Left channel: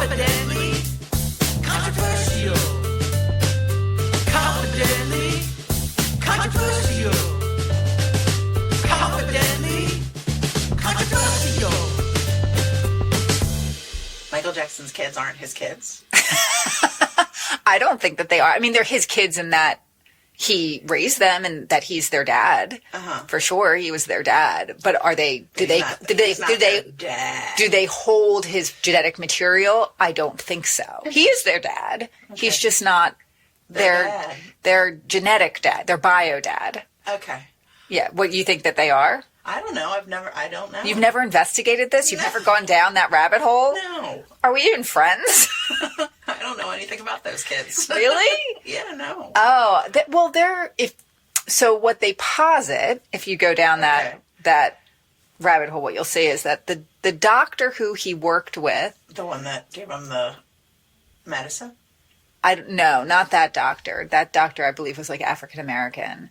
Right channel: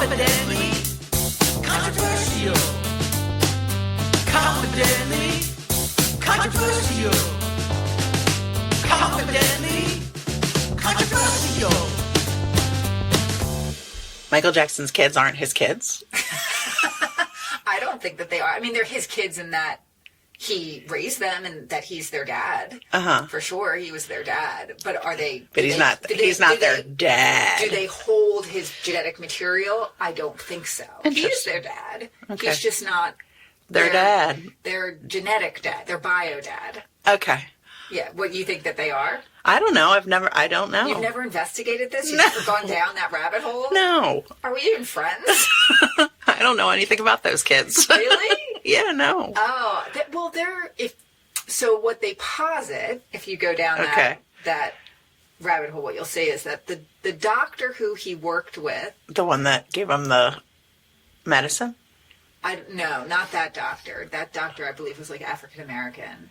Confidently controversial. Confidently controversial. Confidently controversial. Michael Jackson's kids aren't his kids. I don't think that they are. I mean, they're his kids in that he raised them and that he's their dad. For sure, he was their dad. But are they? He's not their dad. Do they hold his genetic material? I don't think so. He is their dad. Okay. He's just not Their dad. Their genetic dad. Their bio dad. Okay. Yeah. What you think that they are? I don't know. I don't know. You've never investigated this? You've never gone down that rabbit hole? No. Are we even friends? I don't know anything about those kids. Really? Yeah, no. Oh, so what they posit, if you go down that rabbit hole, what you'll see is that the doctor who he worked with, The one that gave him the medicine? no, not that doctor. That doctor, I believe, was like African American.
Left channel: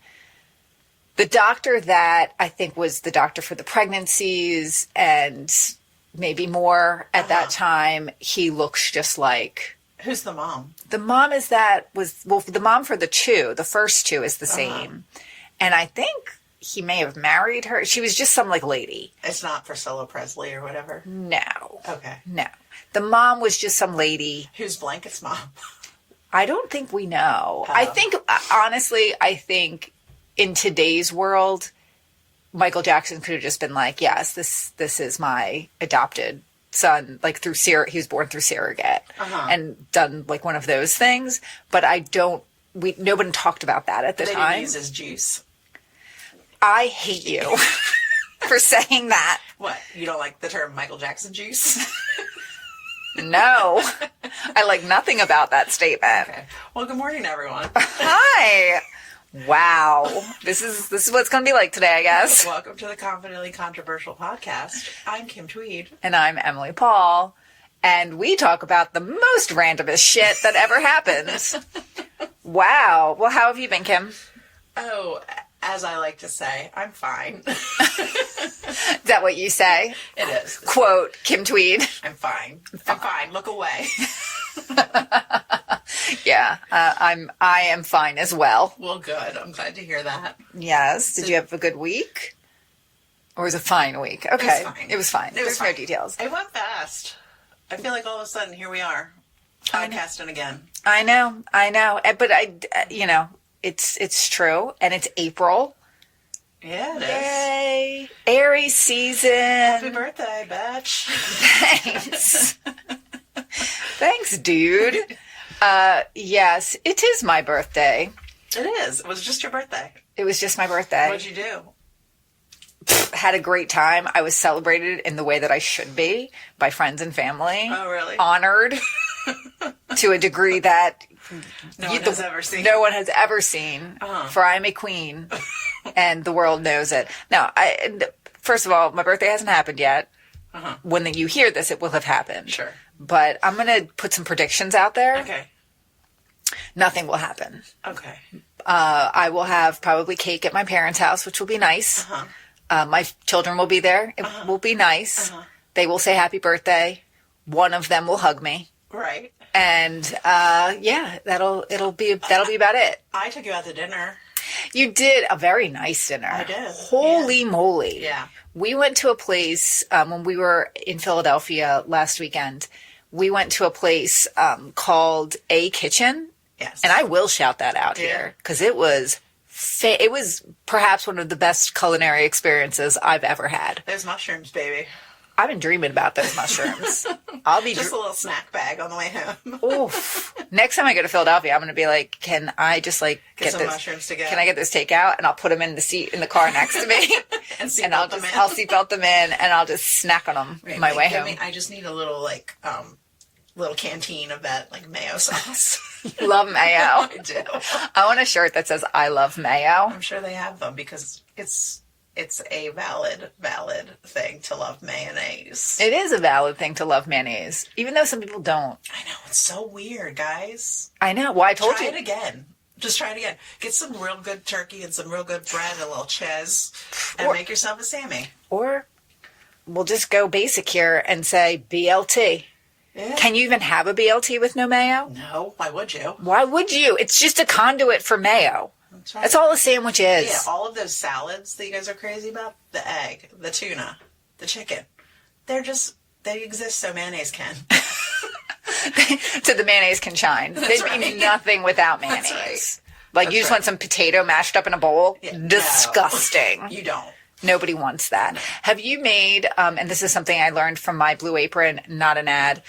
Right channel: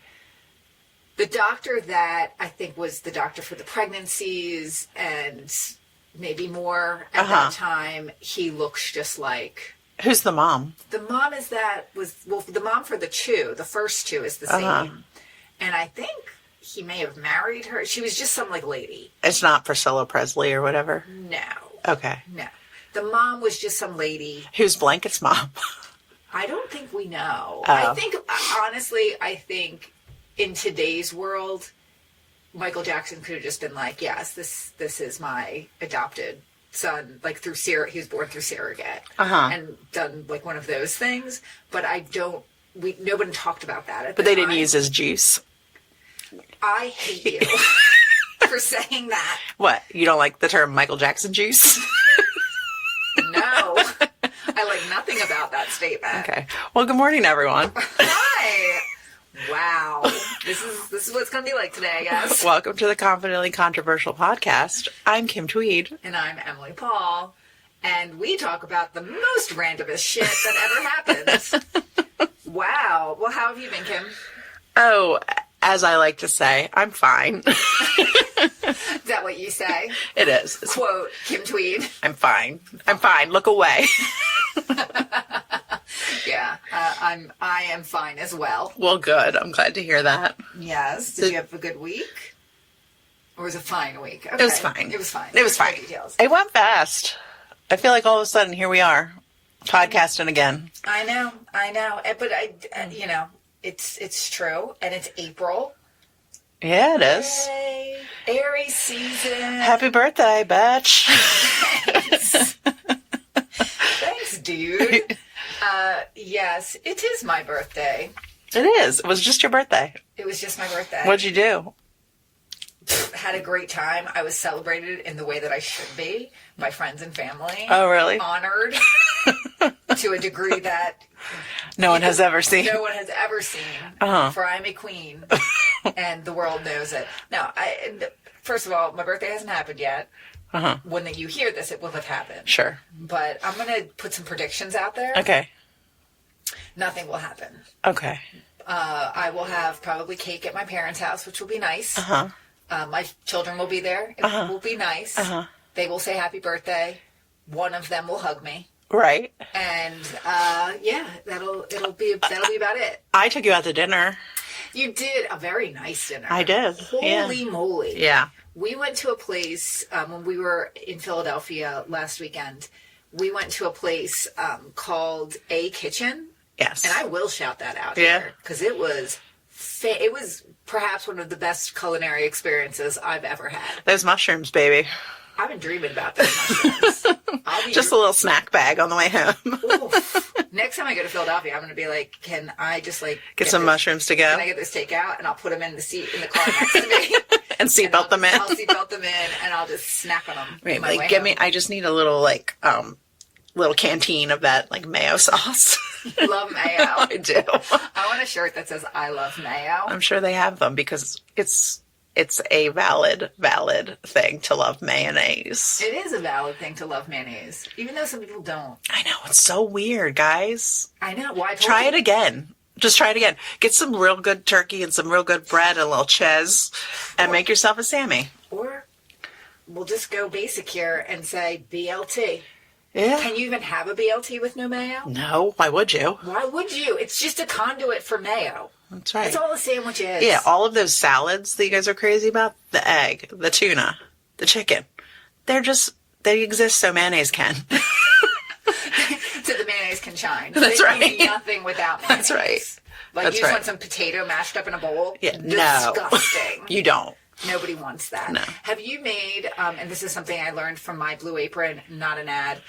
The doctor that I think was the doctor for the pregnancies and maybe more at that time, he looks just like... Who's the mom? The mom the mom for the first two is the same. And I think he may have married her. She was just some like lady. It's not Priscilla Presley or whatever? No. Okay. No. The mom was just some lady. Who's Blanket's mom? I don't think we know. Oh. I think in today's world, Michael Jackson could have just been like, yes, this is my adopted son, like he was born through surrogate and done like one of those things. But nobody talked about that at the time. But they didn't use his juice. I hate you for saying that. What? You don't like the term Michael Jackson juice? No. I like nothing about that statement. Okay. Well, good morning, everyone. Hi. Wow. This is what it's going to be like today, I guess. Welcome to the Confidently Controversial podcast. I'm Kim Tweed. And I'm Emily Paul. And we talk about the most randomest shit that ever happens. Wow. Well, how have you been, Kim? Oh, as I like to say, I'm fine. Is that what you say? It is. Quote, Kim Tweed. I'm fine. I'm fine. Look away. Yeah, I am fine as well. Well, good. I'm glad to hear that. Yes. Did you have a good week? Or was it a fine week? Okay. It was fine. It was fine. It was fine. No details. It went fast. I feel like all of a sudden, here we are, podcasting again. I know. But it's true. And it's April. Yeah, it is. Yay. Aries season. Happy birthday, bitch. Thanks. Thanks, dude. Yes, it is my birthday. It is. It was just your birthday. It was just my birthday. What'd you do? Had a great time. I was celebrated in the way that I should be by friends and family. Oh, really? Honored to a degree that no one has ever seen. No one has ever seen. For I'm a queen, and the world knows it. Now, first of all, my birthday hasn't happened yet. When you hear this, it will have happened. Sure. But I'm going to put some predictions out there. Okay. Nothing will happen. Okay. I will have probably cake at my parents' house, which will be nice. My children will be there. It will be nice. They will say happy birthday. One of them will hug me. Right. And that'll be about it. I took you out to dinner. You did a very nice dinner. I did. Holy moly. Yeah. We went to a place when we were in Philadelphia last weekend. We went to a place called A Kitchen. Yes. And I will shout that out here because it was perhaps one of the best culinary experiences I've ever had. Those mushrooms, baby. I've been dreaming about those mushrooms. I'll be just a little snack bag on the way home. Oof. Next time I go to Philadelphia, I'm going to be like, can I just get some mushrooms to go? Can I get this takeout? And I'll put them in the seat in the car next to me. And seatbelt them in. I'll seatbelt them in and I'll just snack on them right, my way home. I just need a little little canteen of that mayo sauce. Love mayo. I do. I want a shirt that says I love mayo. I'm sure they have them because it's a valid thing to love mayonnaise. It is a valid thing to love mayonnaise, even though some people don't. I know. It's so weird, guys. I know. Well, Try it again. Just try it again. Get some real good turkey and some real good bread and a little cheese and make yourself a Sammy. Or we'll just go basic here and say BLT. Yeah. Can you even have a BLT with no mayo? No, why would you? Why would you? It's just a conduit for mayo. That's right. That's all a sandwich is. Yeah, all of those salads that you guys are crazy about, the egg, the tuna, the chicken, they exist so mayonnaise can. So the mayonnaise can shine. That's They right. need nothing without mayonnaise. That's right. Like That's you just right. want some potato mashed up in a bowl? Yeah, no. Disgusting. You don't. Nobody wants that. No. Have you made, and this is something I learned from my Blue Apron, not an ad,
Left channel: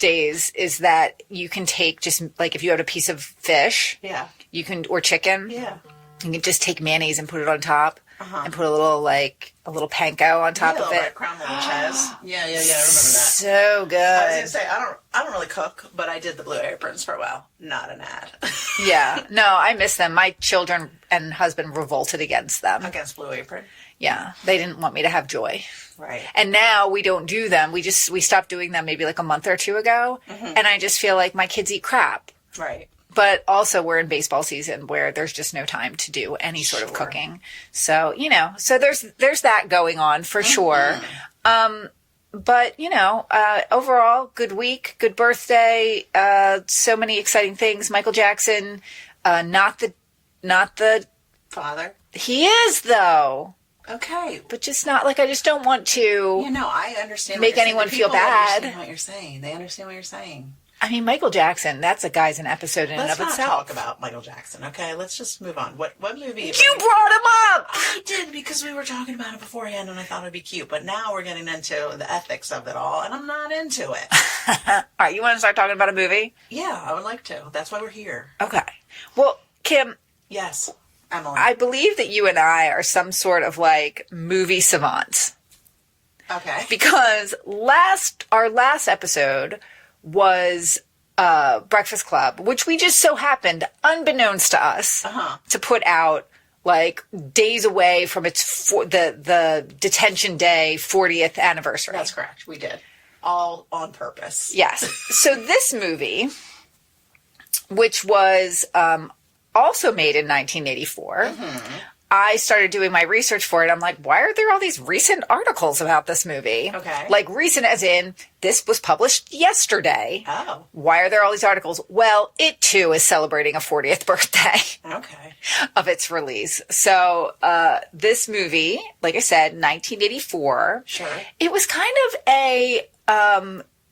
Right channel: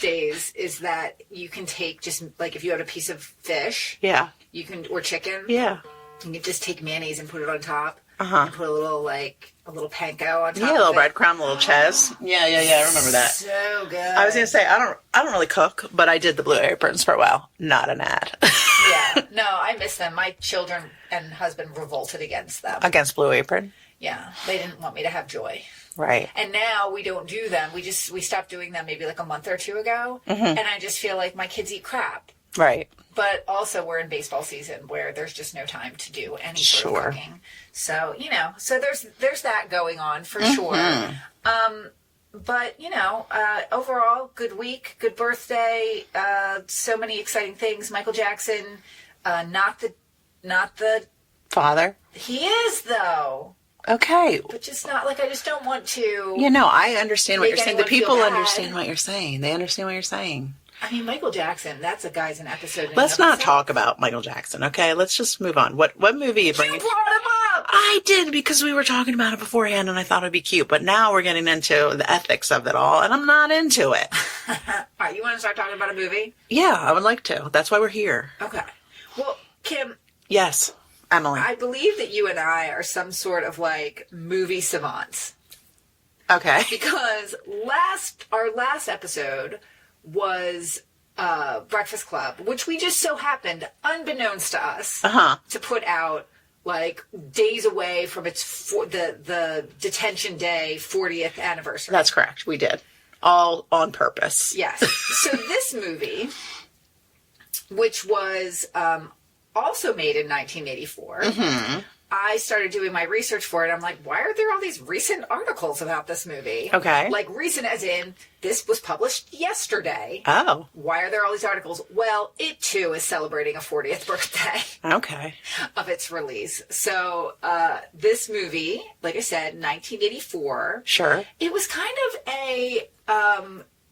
days, is that you can take just, like, if you had a piece of fish, Yeah. you can, or chicken, Yeah. you can just take mayonnaise and put it on top, Uh-huh. and put a little panko on top Yeah, a little of it. breadcrumb, a little ches. Yeah, I remember that. So good. I was gonna say I don't really cook, but I did the Blue Aprons for a while. Not an ad. Yeah. No, I miss them. My children and husband revolted against them. Against Blue Apron. Yeah. They didn't want me to have joy. Right. And now we don't do them. We stopped doing them maybe like a month or two ago. Mm-hmm. And I just feel like my kids eat crap. Right. But also we're in baseball season where there's just no time to do any sort of Sure. cooking. So, so there's that going on for sure. But, overall, good week, good birthday, so many exciting things. Michael Jackson, not the, Father. he is though, Okay. but just not like, I just don't want to. I understand what Make you're saying. The anyone feel people bad. understand what you're saying. They understand what you're saying. I mean, Michael Jackson, that's a guy's an episode in Let's and of not itself. talk about Michael Jackson, okay? Let's just move on. What movie you You bringing? brought him up! I did, because we were talking about it beforehand and I thought it'd be cute. But now we're getting into the ethics of it all, and I'm not into it. All right, you want to start talking about a movie? Yeah, I would like to. That's why we're here. Okay. Well, Kim, Yes, Emily. I believe that you and I are some sort of like movie savants. Okay. Because our last episode was Breakfast Club, which we just so happened, unbeknownst to us, to put out like days away from its the detention day 40th anniversary. That's correct. We did. All on purpose. Yes. So this movie, which was also made in 1984, I started doing my research for it. I'm like, why are there all these recent articles about this movie? Okay. Like recent as in, this was published yesterday. Oh, Why are there all these articles? Well, it too is celebrating a 40th birthday okay. of its release. So this movie, like I said, 1984. Sure. It was kind of a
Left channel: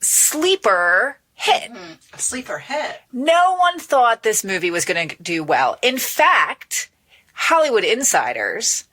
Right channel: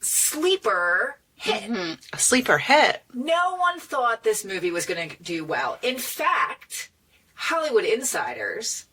sleeper hit. A sleeper hit. No one thought this movie was going to do well. In fact, Hollywood insiders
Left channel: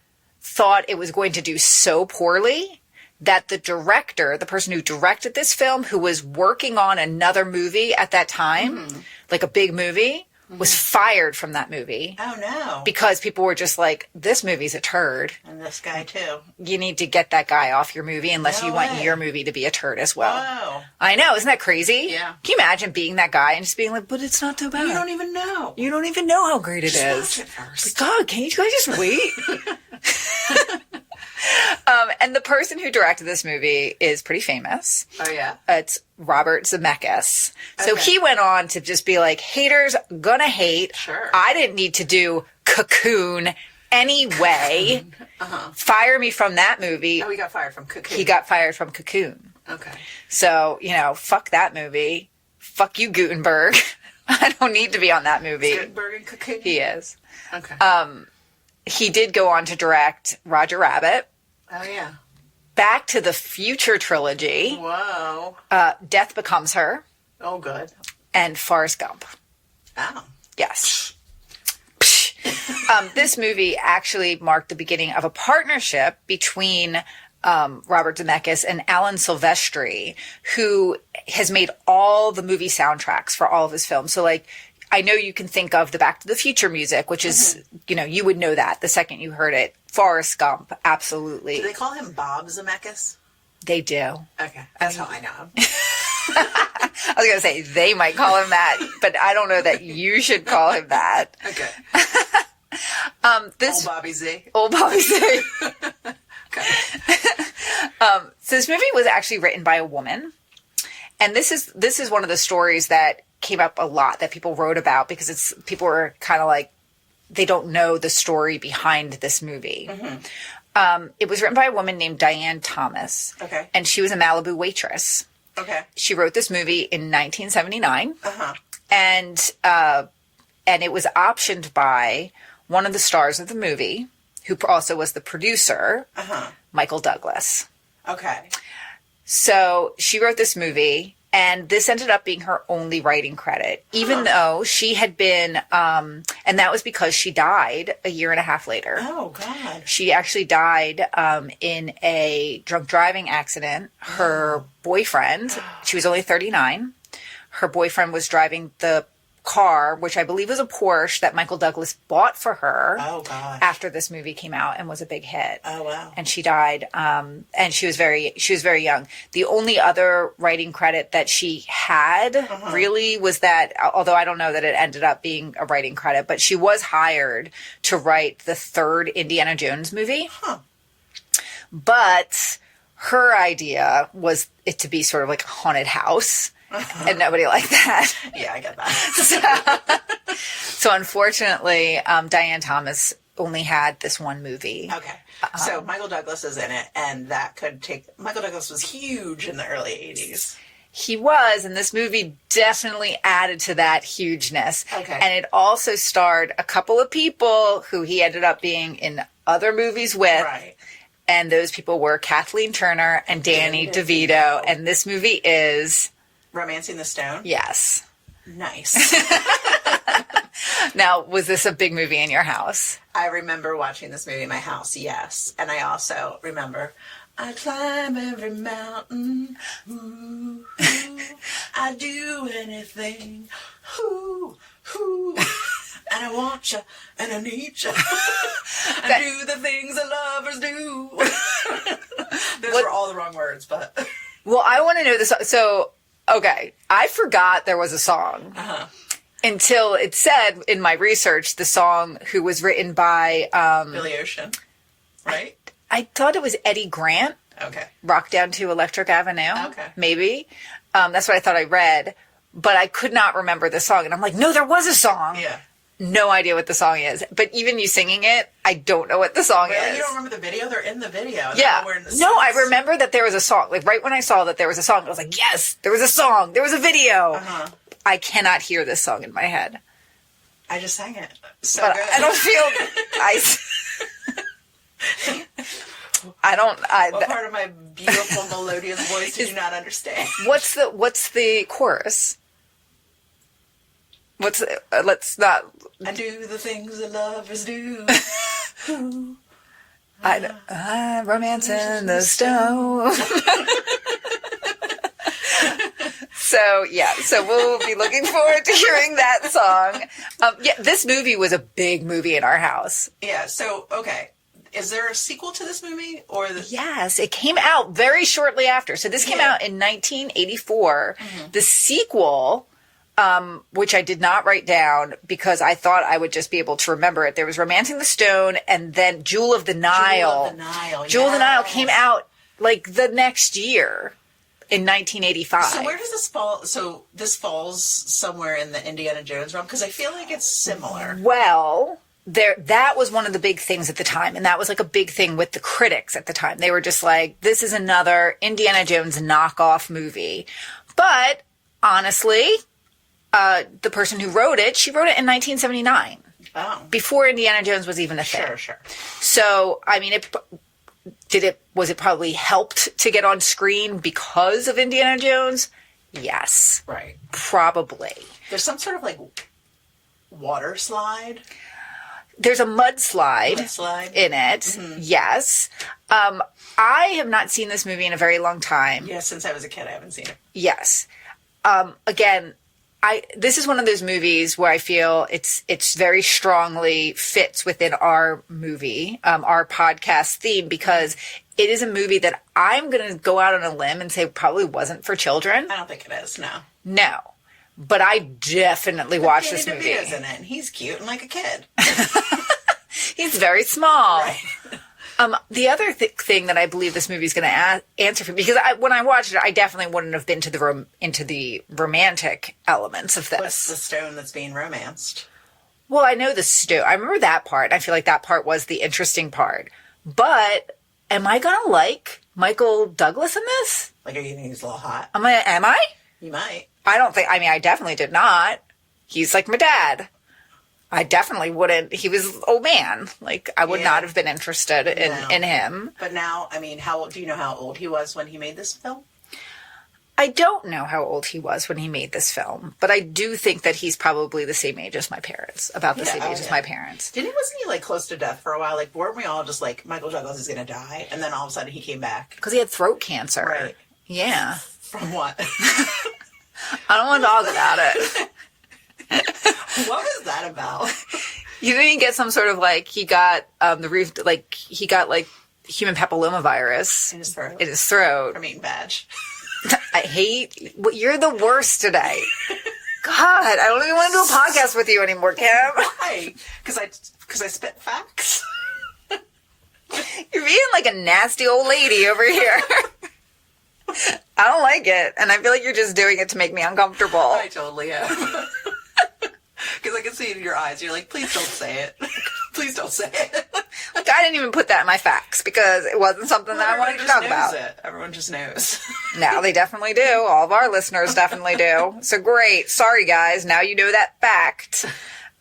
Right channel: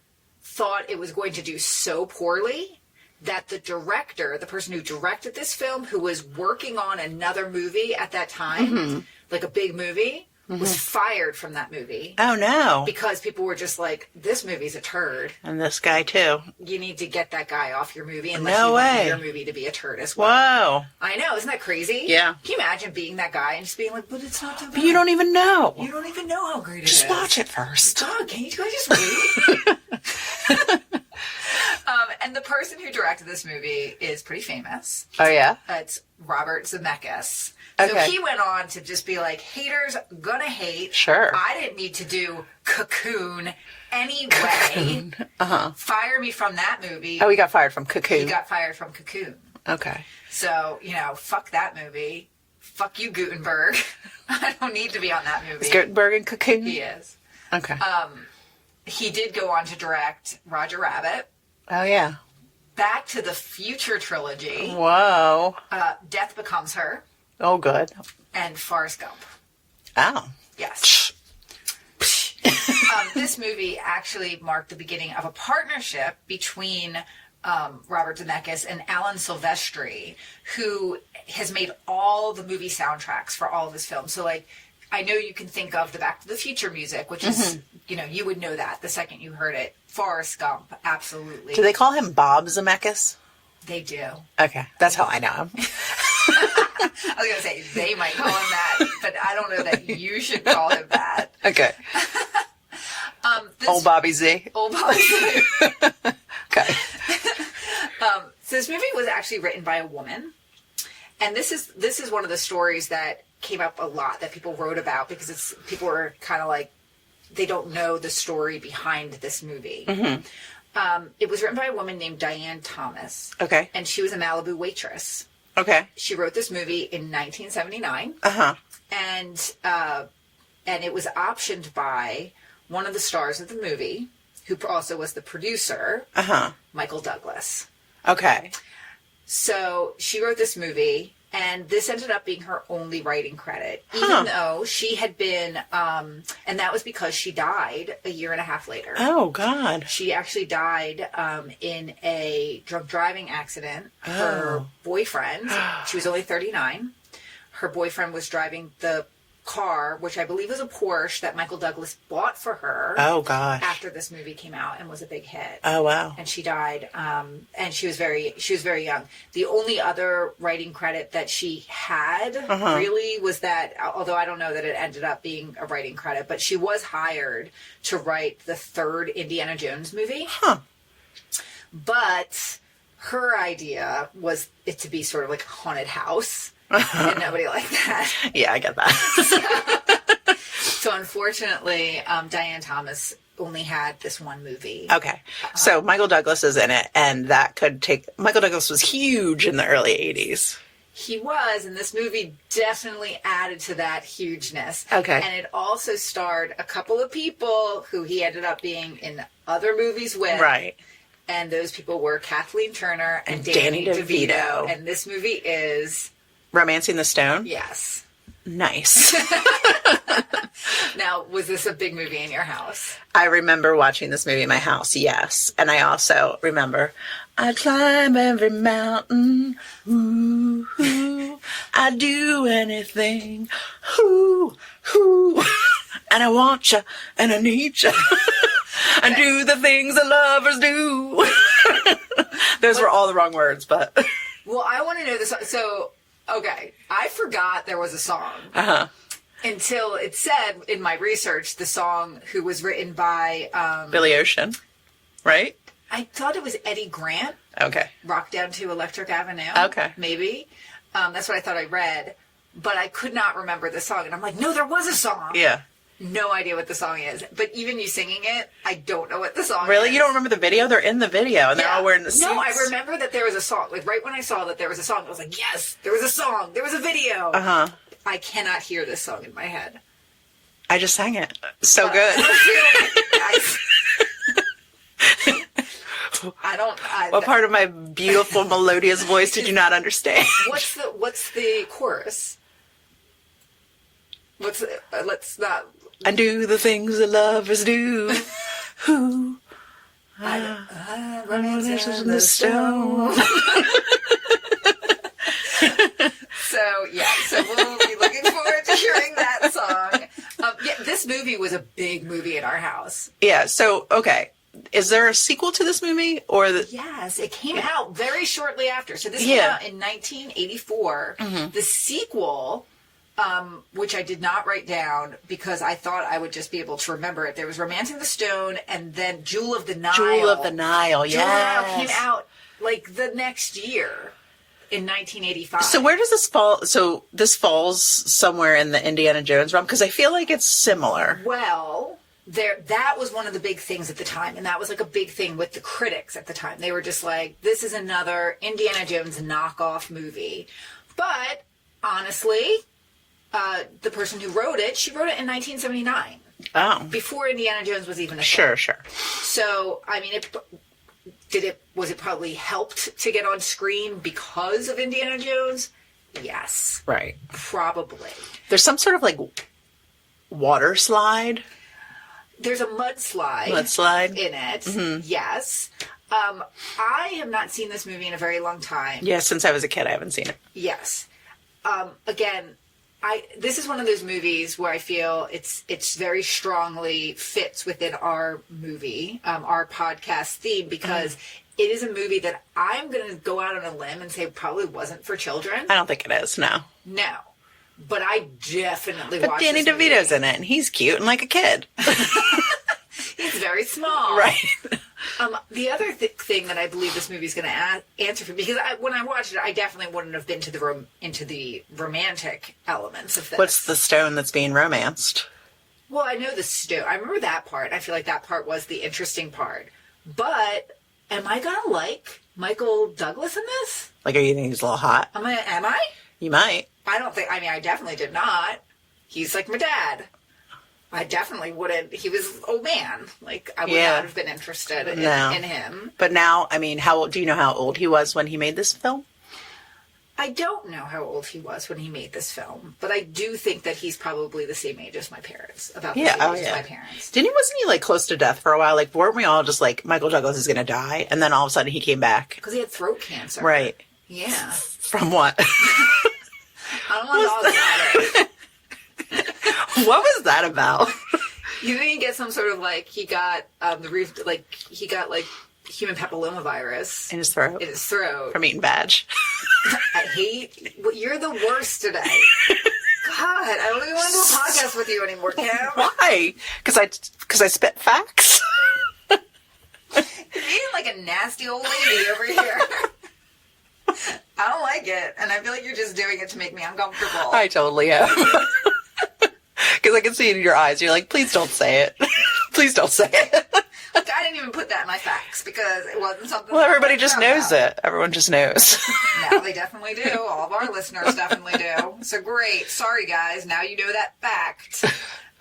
thought it was going to do so poorly that the director, the person who directed this film, who was working on another movie at that time, like a big movie, was fired from that movie. Oh, no. Because people were just like, this movie's a turd. And this guy, too. You need to get that guy off your movie unless No you want way. your movie to be a turd as well. Whoa. I know, isn't that crazy? Yeah. Can you imagine being that guy and just being like, but it's not too bad. You don't even know. You don't even know how great it is. Just watch it first. God, can you guys just wait? And the person who directed this movie is pretty famous. Oh, yeah? It's Robert Zemeckis. So Okay. he went on to just be like, haters gonna hate. Sure. I didn't need to do Cocoon anyway. Fire me from that movie. Oh, he got fired from Cocoon. He got fired from Cocoon. Okay. So, fuck that movie. Fuck you, Gutenberg. I don't need to be on that movie. Gutenberg and Cocoon? He is. Okay. He did go on to direct Roger Rabbit, oh, yeah. Back to the Future trilogy, Whoa. Death Becomes Her, Oh, good. and Forrest Gump. Oh. Yes. This movie actually marked the beginning of a partnership between Robert Zemeckis and Alan Silvestri, who has made all the movie soundtracks for all of his films. So, like, I know you can think of the Back to the Future music, which is, you would know that the second you heard it. Forrest Gump, absolutely. Do they call him Bob Zemeckis? They do. Okay. That's how I know him. I was going to say they might call him that, but I don't know that you should call him that. Okay. This Old Bobby Z. old policy. Okay. So this movie was actually written by a woman, and this is one of the stories that came up a lot that people wrote about because people were kind of like they don't know the story behind this movie. It was written by a woman named Diane Thomas. Okay. And she was a Malibu waitress. Okay. She wrote this movie in 1979. Uh-huh. And it was optioned by one of the stars of the movie, who also was the producer, Michael Douglas. Okay. So she wrote this movie, and this ended up being her only writing credit, even though she had been, and that was because she died a year and a half later. Oh, God. She actually died in a drunk driving accident. Her boyfriend, she was only 39. Her boyfriend was driving the car, which I believe was a Porsche that Michael Douglas bought for her. Oh, gosh. After this movie came out and was a big hit. Oh, wow. And she died, and she was very young. The only other writing credit that she had really was that, although I don't know that it ended up being a writing credit, but she was hired to write the third Indiana Jones movie. But her idea was it to be sort of like a haunted house. And nobody liked that. Yeah, I get that. So unfortunately, Diane Thomas only had this one movie. Okay. So Michael Douglas is in it, and that could take... Michael Douglas was huge in the early 80s. He was, and this movie definitely added to that hugeness. Okay. And it also starred a couple of people who he ended up being in other movies with. Right. And those people were Kathleen Turner and Danny DeVito. And this movie is... Romancing the Stone? Yes. Nice. Now, was this a big movie in your house? I remember watching this movie in my house, yes. And I also remember, I climb every mountain, ooh, ooh, I do anything, ooh, ooh, and I want you, and I need you, I do the things that lovers do. Those were all the wrong words, but... Well, I want to know this. So, okay, I forgot there was a song. Until it said in my research, the song who was written by... Billy Ocean, right? I thought it was Eddie Grant. Okay. Rock Down to Electric Avenue. Okay. Maybe. That's what I thought I read. But I could not remember the song. And I'm like, no, there was a song. Yeah. No idea what the song is. But even you singing it, I don't know what the song is. Really? You don't remember the video? They're in the video. And they're all wearing the suits. No, I remember that there was a song. Like, right when I saw that there was a song, I was like, yes, there was a song. There was a video. I cannot hear this song in my head. I just sang it. So good. I don't feel... What part of my beautiful melodious voice did you not understand? What's the chorus? Let's not... I do the things that lovers do. Who? I romancing the stone. So we'll be looking forward to hearing that song. This movie was a big movie in our house. Yeah, so, okay. Is there a sequel to this movie? Yes, it came out very shortly after. So this came out in 1984. The sequel, which I did not write down because I thought I would just be able to remember it. There was Romancing the Stone and then Jewel of the Nile. Jewel of the Nile, Jewel of the Nile came out like the next year. In 1985. So where does this fall? So this falls somewhere in the Indiana Jones realm? Because I feel like it's similar. Well, that was one of the big things at the time. And that was like a big thing with the critics at the time. They were just like, this is another Indiana Jones knockoff movie. But honestly, the person who wrote it, she wrote it in 1979. Oh. Before Indiana Jones was even a thing. Sure. So, I mean, was it probably helped to get on screen because of Indiana Jones? Yes. Right. Probably. There's some sort of like water slide. There's a mudslide in it. Yes. I have not seen this movie in a very long time. Yeah, since I was a kid, I haven't seen it. Yes. Again, this is one of those movies where I feel it's very strongly fits within our movie, our podcast theme, because it is a movie that I'm going to go out on a limb and say probably wasn't for children. I don't think it is, no. No. But I definitely watched Danny this movie. DeVito's in it, and he's cute and like a kid. He's very small. Right. The other thing that I believe this movie is going to answer for, because when I watched it, I definitely wouldn't have been into the romantic elements of this. What's the stone that's being romanced? Well, I know the stone. I remember that part. I feel like that part was the interesting part. But am I going to like Michael Douglas in this? Like, are you thinking he's a little hot? Am I? You might. I don't think, I mean, I definitely did not. He's like my dad. I definitely wouldn't. He was old man. Like, I would not have been interested in him. But now, I mean, do you know how old he was when he made this film? I don't know how old he was when he made this film, but I do think that he's probably the same age as my parents, about the same age as my parents. Wasn't he, like, close to death for a while? Like, weren't we all just like, Michael Douglas is going to die? And then all of a sudden he came back. Because he had throat cancer. Right. Yeah. From what? I don't want to talk about it. What was that about? You didn't get some sort of, like, he got human papillomavirus. In his throat? In his throat. From eating badge. I hate... You're the worst today. God, I don't even want to do a podcast with you anymore, Kim. Why? Because I spit facts? You're being like a nasty old lady over here. I don't like it, and I feel like you're just doing it to make me uncomfortable. I totally am. Because I can see it in your eyes. You're like, please don't say it. Please don't say it. Look, I didn't even put that in my facts because it wasn't something well, that everybody just knows about. it. Everyone just knows. Now they definitely do. All of our listeners definitely do. So great. Sorry, guys. Now you know that fact.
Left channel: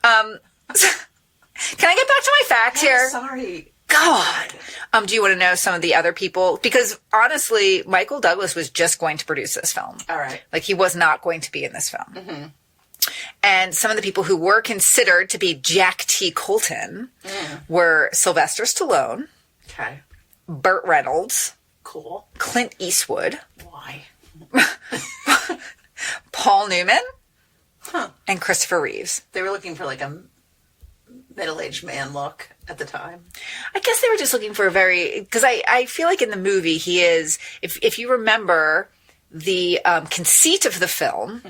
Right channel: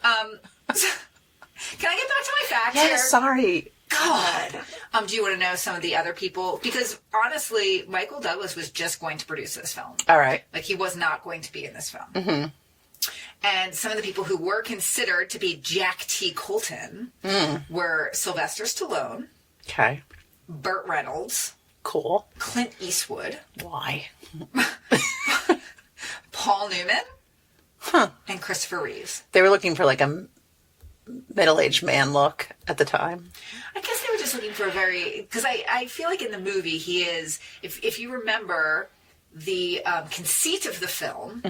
Can I get back to my facts here? Sorry. God. Do you want to know some of the other people? Because honestly, Michael Douglas was just going to produce this film. All right. Like, he was not going to be in this film. Mm-hmm. And some of the people who were considered to be Jack T. Colton were Sylvester Stallone. Okay. Burt Reynolds. Cool. Clint Eastwood. Why? Paul Newman. Huh. And Christopher Reeves. They were looking for like a middle-aged man look at the time. I guess they were just looking for a very... Because I feel like in the movie he is... If you remember... The conceit of the film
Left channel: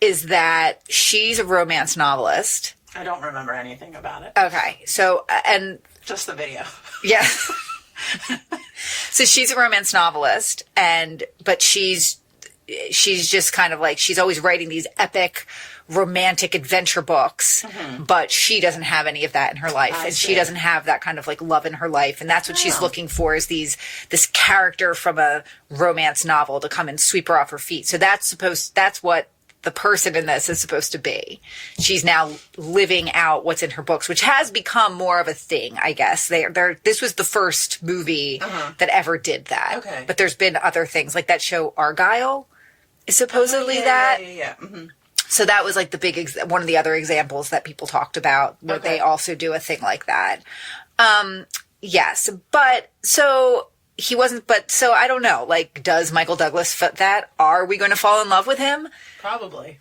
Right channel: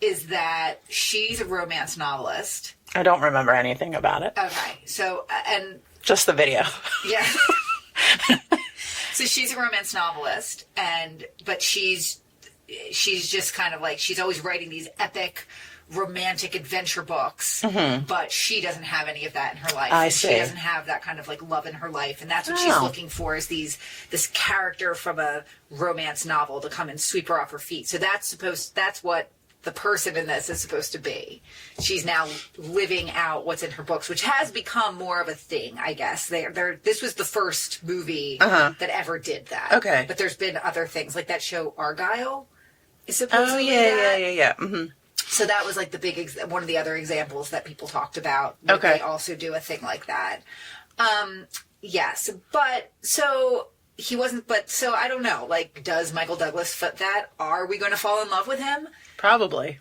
is that she's a romance novelist. I don't remember anything about it. Okay. So, and... Just the video. Yeah. So she's a romance novelist, but she's just kind of like, she's always writing these epic romantic adventure books, but she doesn't have any of that in her life. And she doesn't have that kind of like love in her life. And that's what she's looking for, is this character from a romance novel to come and sweep her off her feet. So that's what the person in this is supposed to be. She's now living out what's in her books, which has become more of a thing, I guess. This was the first movie that ever did that. Okay. But there's been other things, like that show Argyle is supposedly that. Yeah. Mm-hmm. So that was like the big, one of the other examples that people talked about. Okay. They also do a thing like that. Yes. But so he wasn't, so I don't know, like, does Michael Douglas fit that? Are we going to fall in love with him? Probably.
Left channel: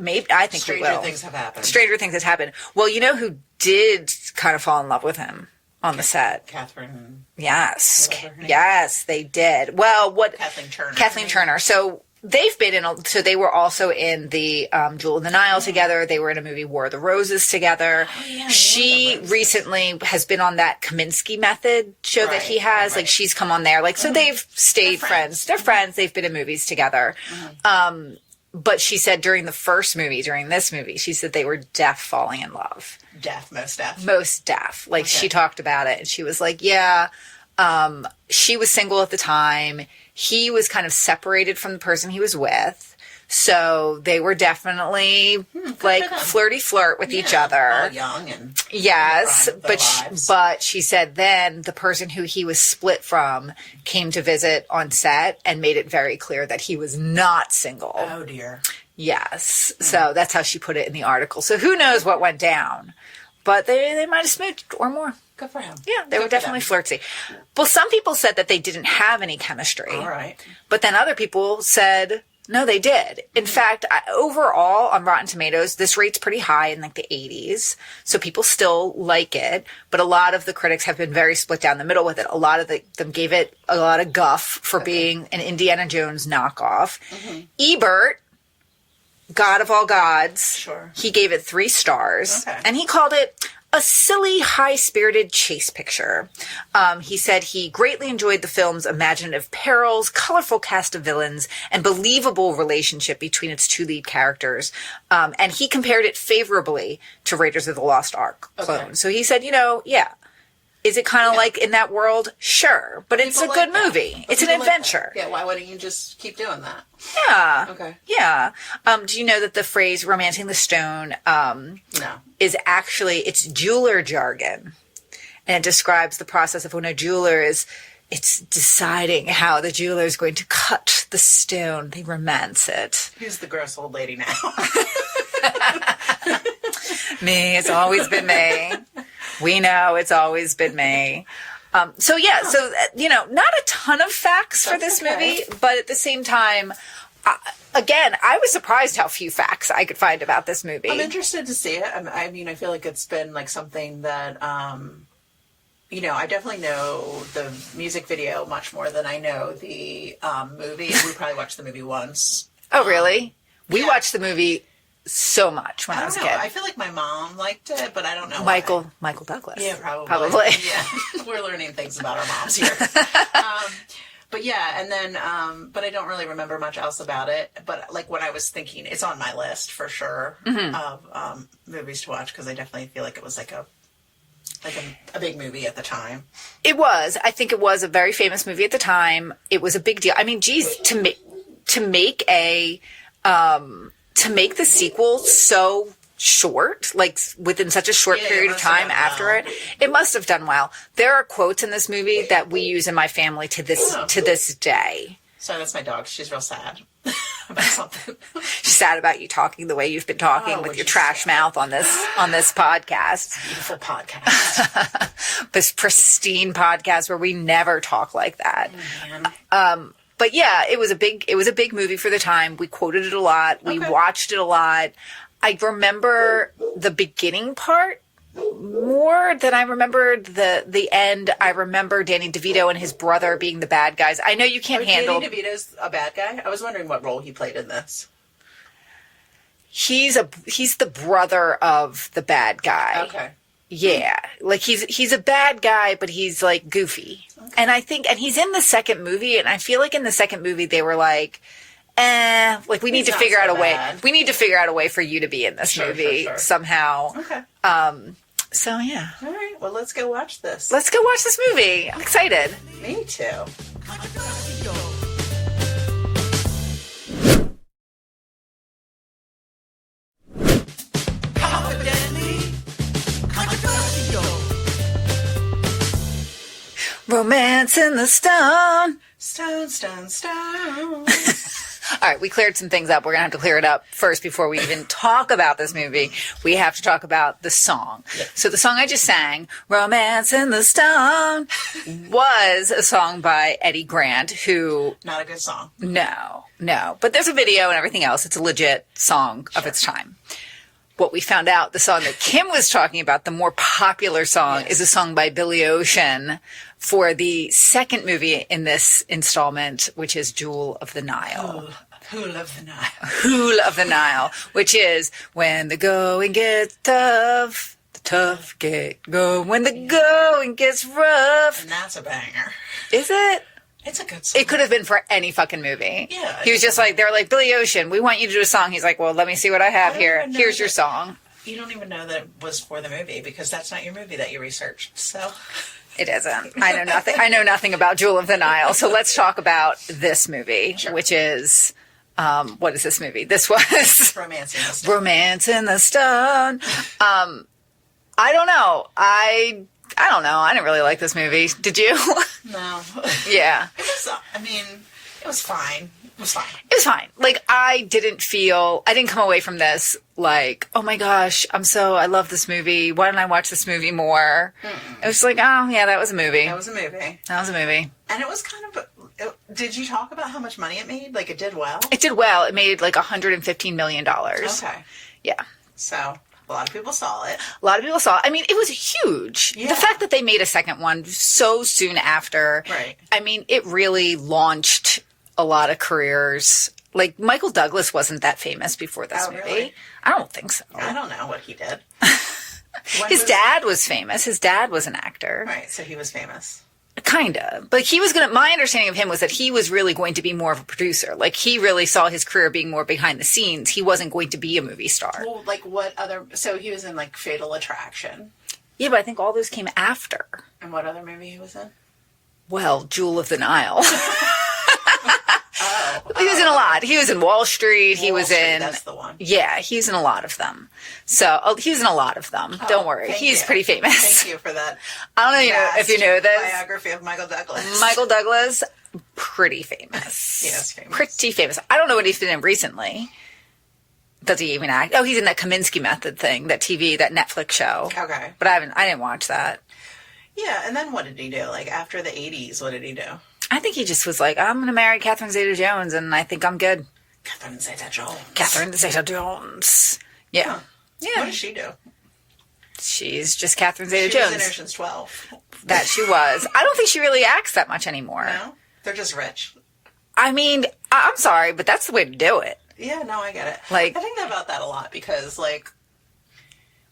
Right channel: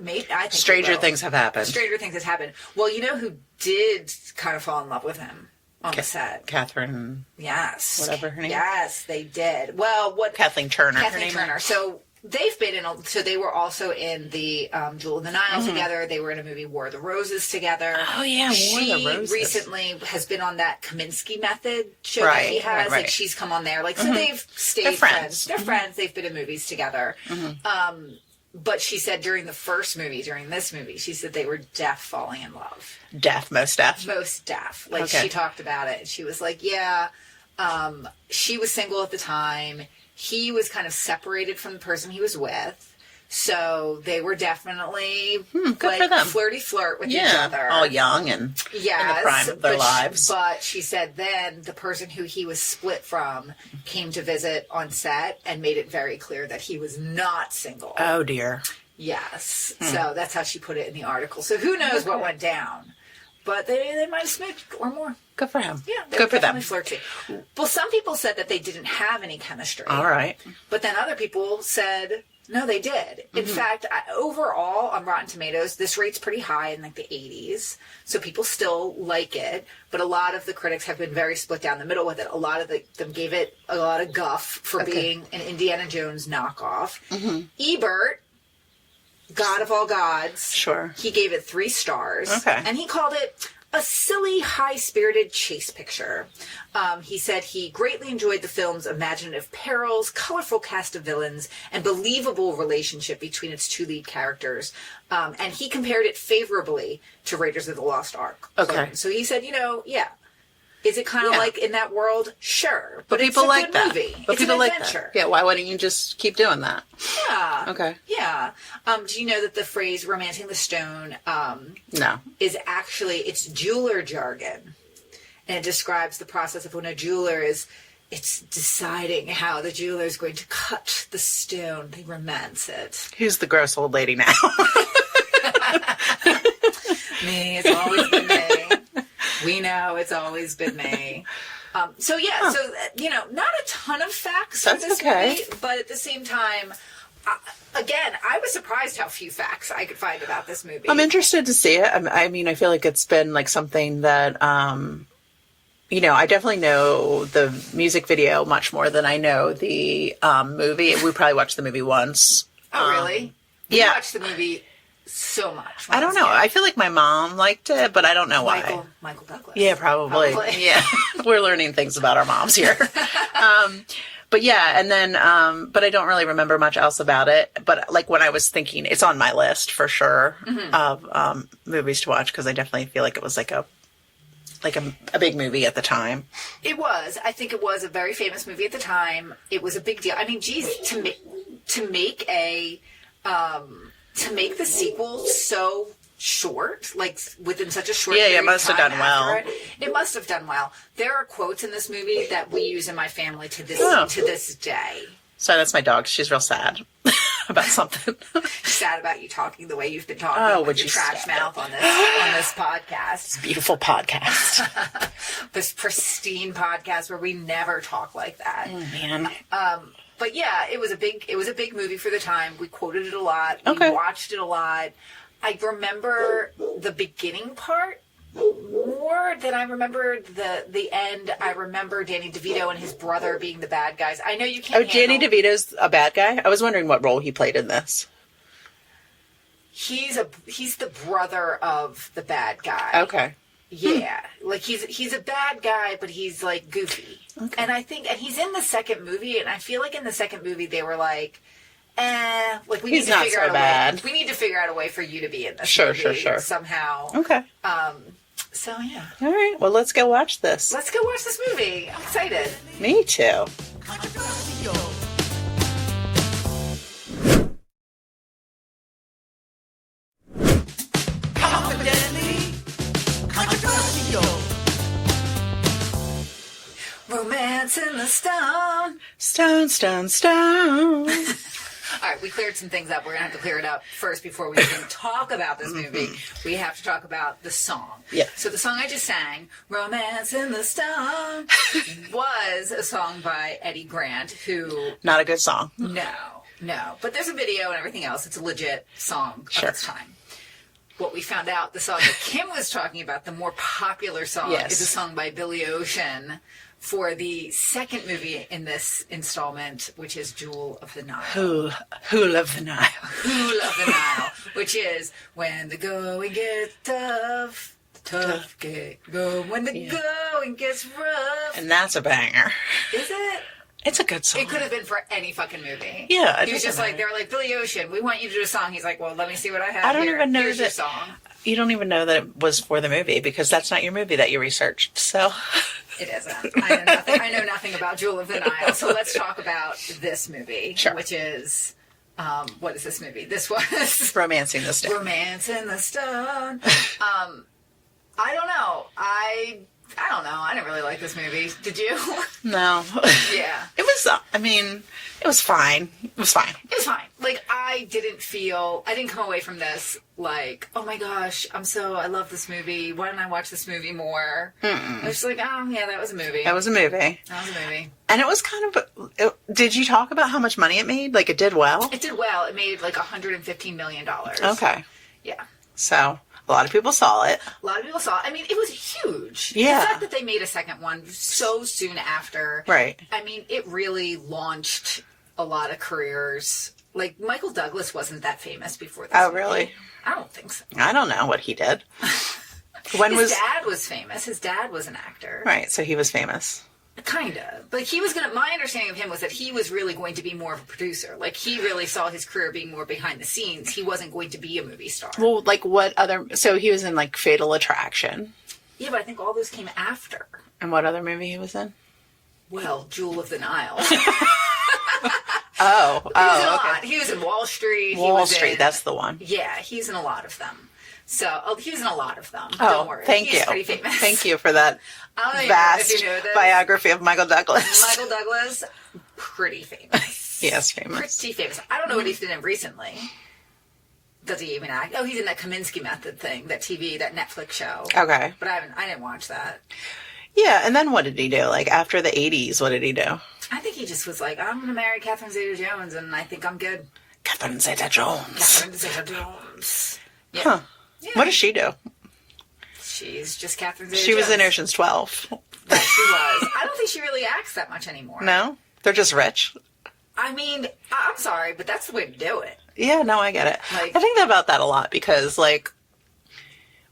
Maybe, I think Stranger things have happened. Stranger things has happened. Well, you know who did kind of fall in love with him on the set? Catherine. Yes. Whatever her name. Yes, they did. Well, Kathleen Turner. Kathleen Turner. So they've been so they were also in the Jewel of the Nile together. They were in a movie War of the Roses together. Oh yeah, she recently has been on that Kaminsky Method show that he has. Right. Like, she's come on there. Like, so they've stayed friends. They're friends. They've been in movies together. But she said during this movie, she said they were deaf falling in love. Most deaf. Most deaf. Like, she talked about it, and she was like, yeah, she was single at the time. He was kind of separated from the person he was with. So they were definitely like flirty flirt with each other. All young and yes, in the prime of their lives. But she said then the person who he was split from came to visit on set and made it very clear that he was not single. Oh dear. Yes. So that's how she put it in the article. So who knows what went down. But they might have smidged or more. Good for him. Yeah, they were definitely flirty. Well, some people said that they didn't have any chemistry. All right. But then other people said, no, they did. In fact, overall, on Rotten Tomatoes, this rate's pretty high in like the 80s. So people still like it. But a lot of the critics have been very split down the middle with it. A lot of them gave it a lot of guff for being an Indiana Jones knockoff. Ebert, God of all gods. Sure. He gave it 3 stars. Okay. And he called it a silly, high-spirited chase picture. He said he greatly enjoyed the film's imaginative perils, colorful cast of villains, and believable relationship between its 2 lead characters. And he compared it favorably to Raiders of the Lost Ark. Okay. So he said, Is it kind of like in that world? Sure. But it's a good movie. It's an adventure. Yeah, why wouldn't you just keep doing that? Yeah. Okay. Yeah. Do you know that the phrase romancing the stone No. is actually, it's jeweler jargon. And it describes the process of when a jeweler it's deciding how the jeweler is going to cut the stone. They romance it. Who's the gross old lady now? Me. It's always been me. We know it's always been me. So not a ton of facts for this movie, but at the same time, again, I was surprised how few facts I could find about this movie. I'm interested to see it. I mean, I feel like it's been like something that, I definitely know the music video much more than I know the movie. We probably watched the movie once. Oh, really? We watched the movie so much. I don't know. I feel like my mom liked it, but I don't know why. Michael Douglas. Yeah, probably. Yeah, we're learning things about our moms here. But yeah, and then, but I don't really remember much else about it. But like when I was thinking, it's on my list for sure of movies to watch because I definitely feel like it was like a big movie at the time. It was. I think it was a very famous movie at the time. It was a big deal. I mean, geez, to make the sequel so short, like within such a short period of time after it must have done well. There are quotes in this movie that we use in my family to this day. So that's my dog. She's real sad about something. She's sad about you talking the way you've been talking with your trash mouth on this podcast. It's a beautiful podcast. This pristine podcast where we never talk like that. Oh, man. But yeah, it was a big movie for the time. We quoted it a lot. We watched it a lot. I remember the beginning part more than I remembered the end. I remember Danny DeVito and his brother being the bad guys. I know you can't handle... Danny DeVito's a bad guy? I was wondering what role he played in this. He's the brother of the bad guy. Okay. Yeah. Like he's a bad guy, but he's like goofy. Okay. And he's in the second movie, and I feel like in the second movie they were like, we need to figure out a way. We need to figure out a way for you to be in this movie somehow. Okay. So yeah. All right. Well, let's go watch this. Let's go watch this movie. I'm excited. Me too. Controversial. Confidently controversial. Romance in the stone. Stone, stone, stone. All right, we cleared some things up. We're going to have to clear it up first before we even talk about this movie. We have to talk about the song. Yeah. So the song I just sang, Romance in the Stone, was a song by Eddie Grant, who... Not a good song. No. But there's a video and everything else. It's a legit song of its time. What we found out, the song that Kim was talking about, the more popular song, is a song by Billy Ocean for the second movie in this installment, which is Jewel of the Nile. Hool of the Nile. Hool of the Nile, which is when the going gets tough, the tough get going. When the going gets rough. And that's a banger. Is it? It's a good song. It could have been for any fucking movie. Yeah. He was just like, they were like, Billy Ocean, we want you to do a song. He's like, well, let me see what I have here. Here's your song. You don't even know that it was for the movie because that's not your movie that you researched. So... It isn't. I know nothing. I know nothing about Jewel of the Nile. So let's talk about this movie, which is, what is this movie? This was Romancing the Stone. Romancing the Stone. I don't know. I don't know. I didn't really like this movie. Did you? No. Yeah. It was. I mean, it was fine. It was fine. Like I didn't come away from this like, oh my gosh, I love this movie. Why didn't I watch this movie more? It was like, oh yeah, that was a movie. That was a movie. And it was kind of, did you talk about how much money it made? Like it did well? It did well. It made like $115 million. Okay. Yeah. So a lot of people saw it. I mean, it was huge. Yeah. The fact that they made a second one so soon after. Right. I mean, it really launched a lot of careers. Like, Michael Douglas wasn't that famous before this movie. Oh, really? I don't think so. I don't know what he did. His dad was famous. His dad was an actor. Right, so he was famous. Kind of. But my understanding of him was that he was really going to be more of a producer. Like, he really saw his career being more behind the scenes. He wasn't going to be a movie star. Well, like what other, so he was in like Fatal Attraction. Yeah, but I think all those came after. And what other movie he was in? Well, Jewel of the Nile. Oh. He was in a lot. He was in Wall Street. Wall Street, that's the one. Yeah, he's in a lot of them. So, he was in a lot of them. Don't worry. He's pretty famous. Thank you for that. I don't know if you know this. Biography of Michael Douglas. Michael Douglas, pretty famous. Yes, famous. Pretty famous. I don't know what he's been in recently. Does he even act? Oh, he's in that Kaminsky Method thing, that Netflix show. Okay. But I didn't watch that. Yeah, and then what did he do? Like, after the 80s, what did he do? I think he just was like, I'm going to marry Catherine Zeta-Jones, and I think I'm good. Catherine Zeta-Jones. Catherine Zeta-Jones. Yeah. Huh. Yeah. What does she do? She's just Catherine Zeta-Jones. She was in Ocean's 12. That she was. I don't think she really acts that much anymore. No? They're just rich. I mean, I'm sorry, but that's the way to do it. Yeah, no, I get it. Like, I think about that a lot because, like,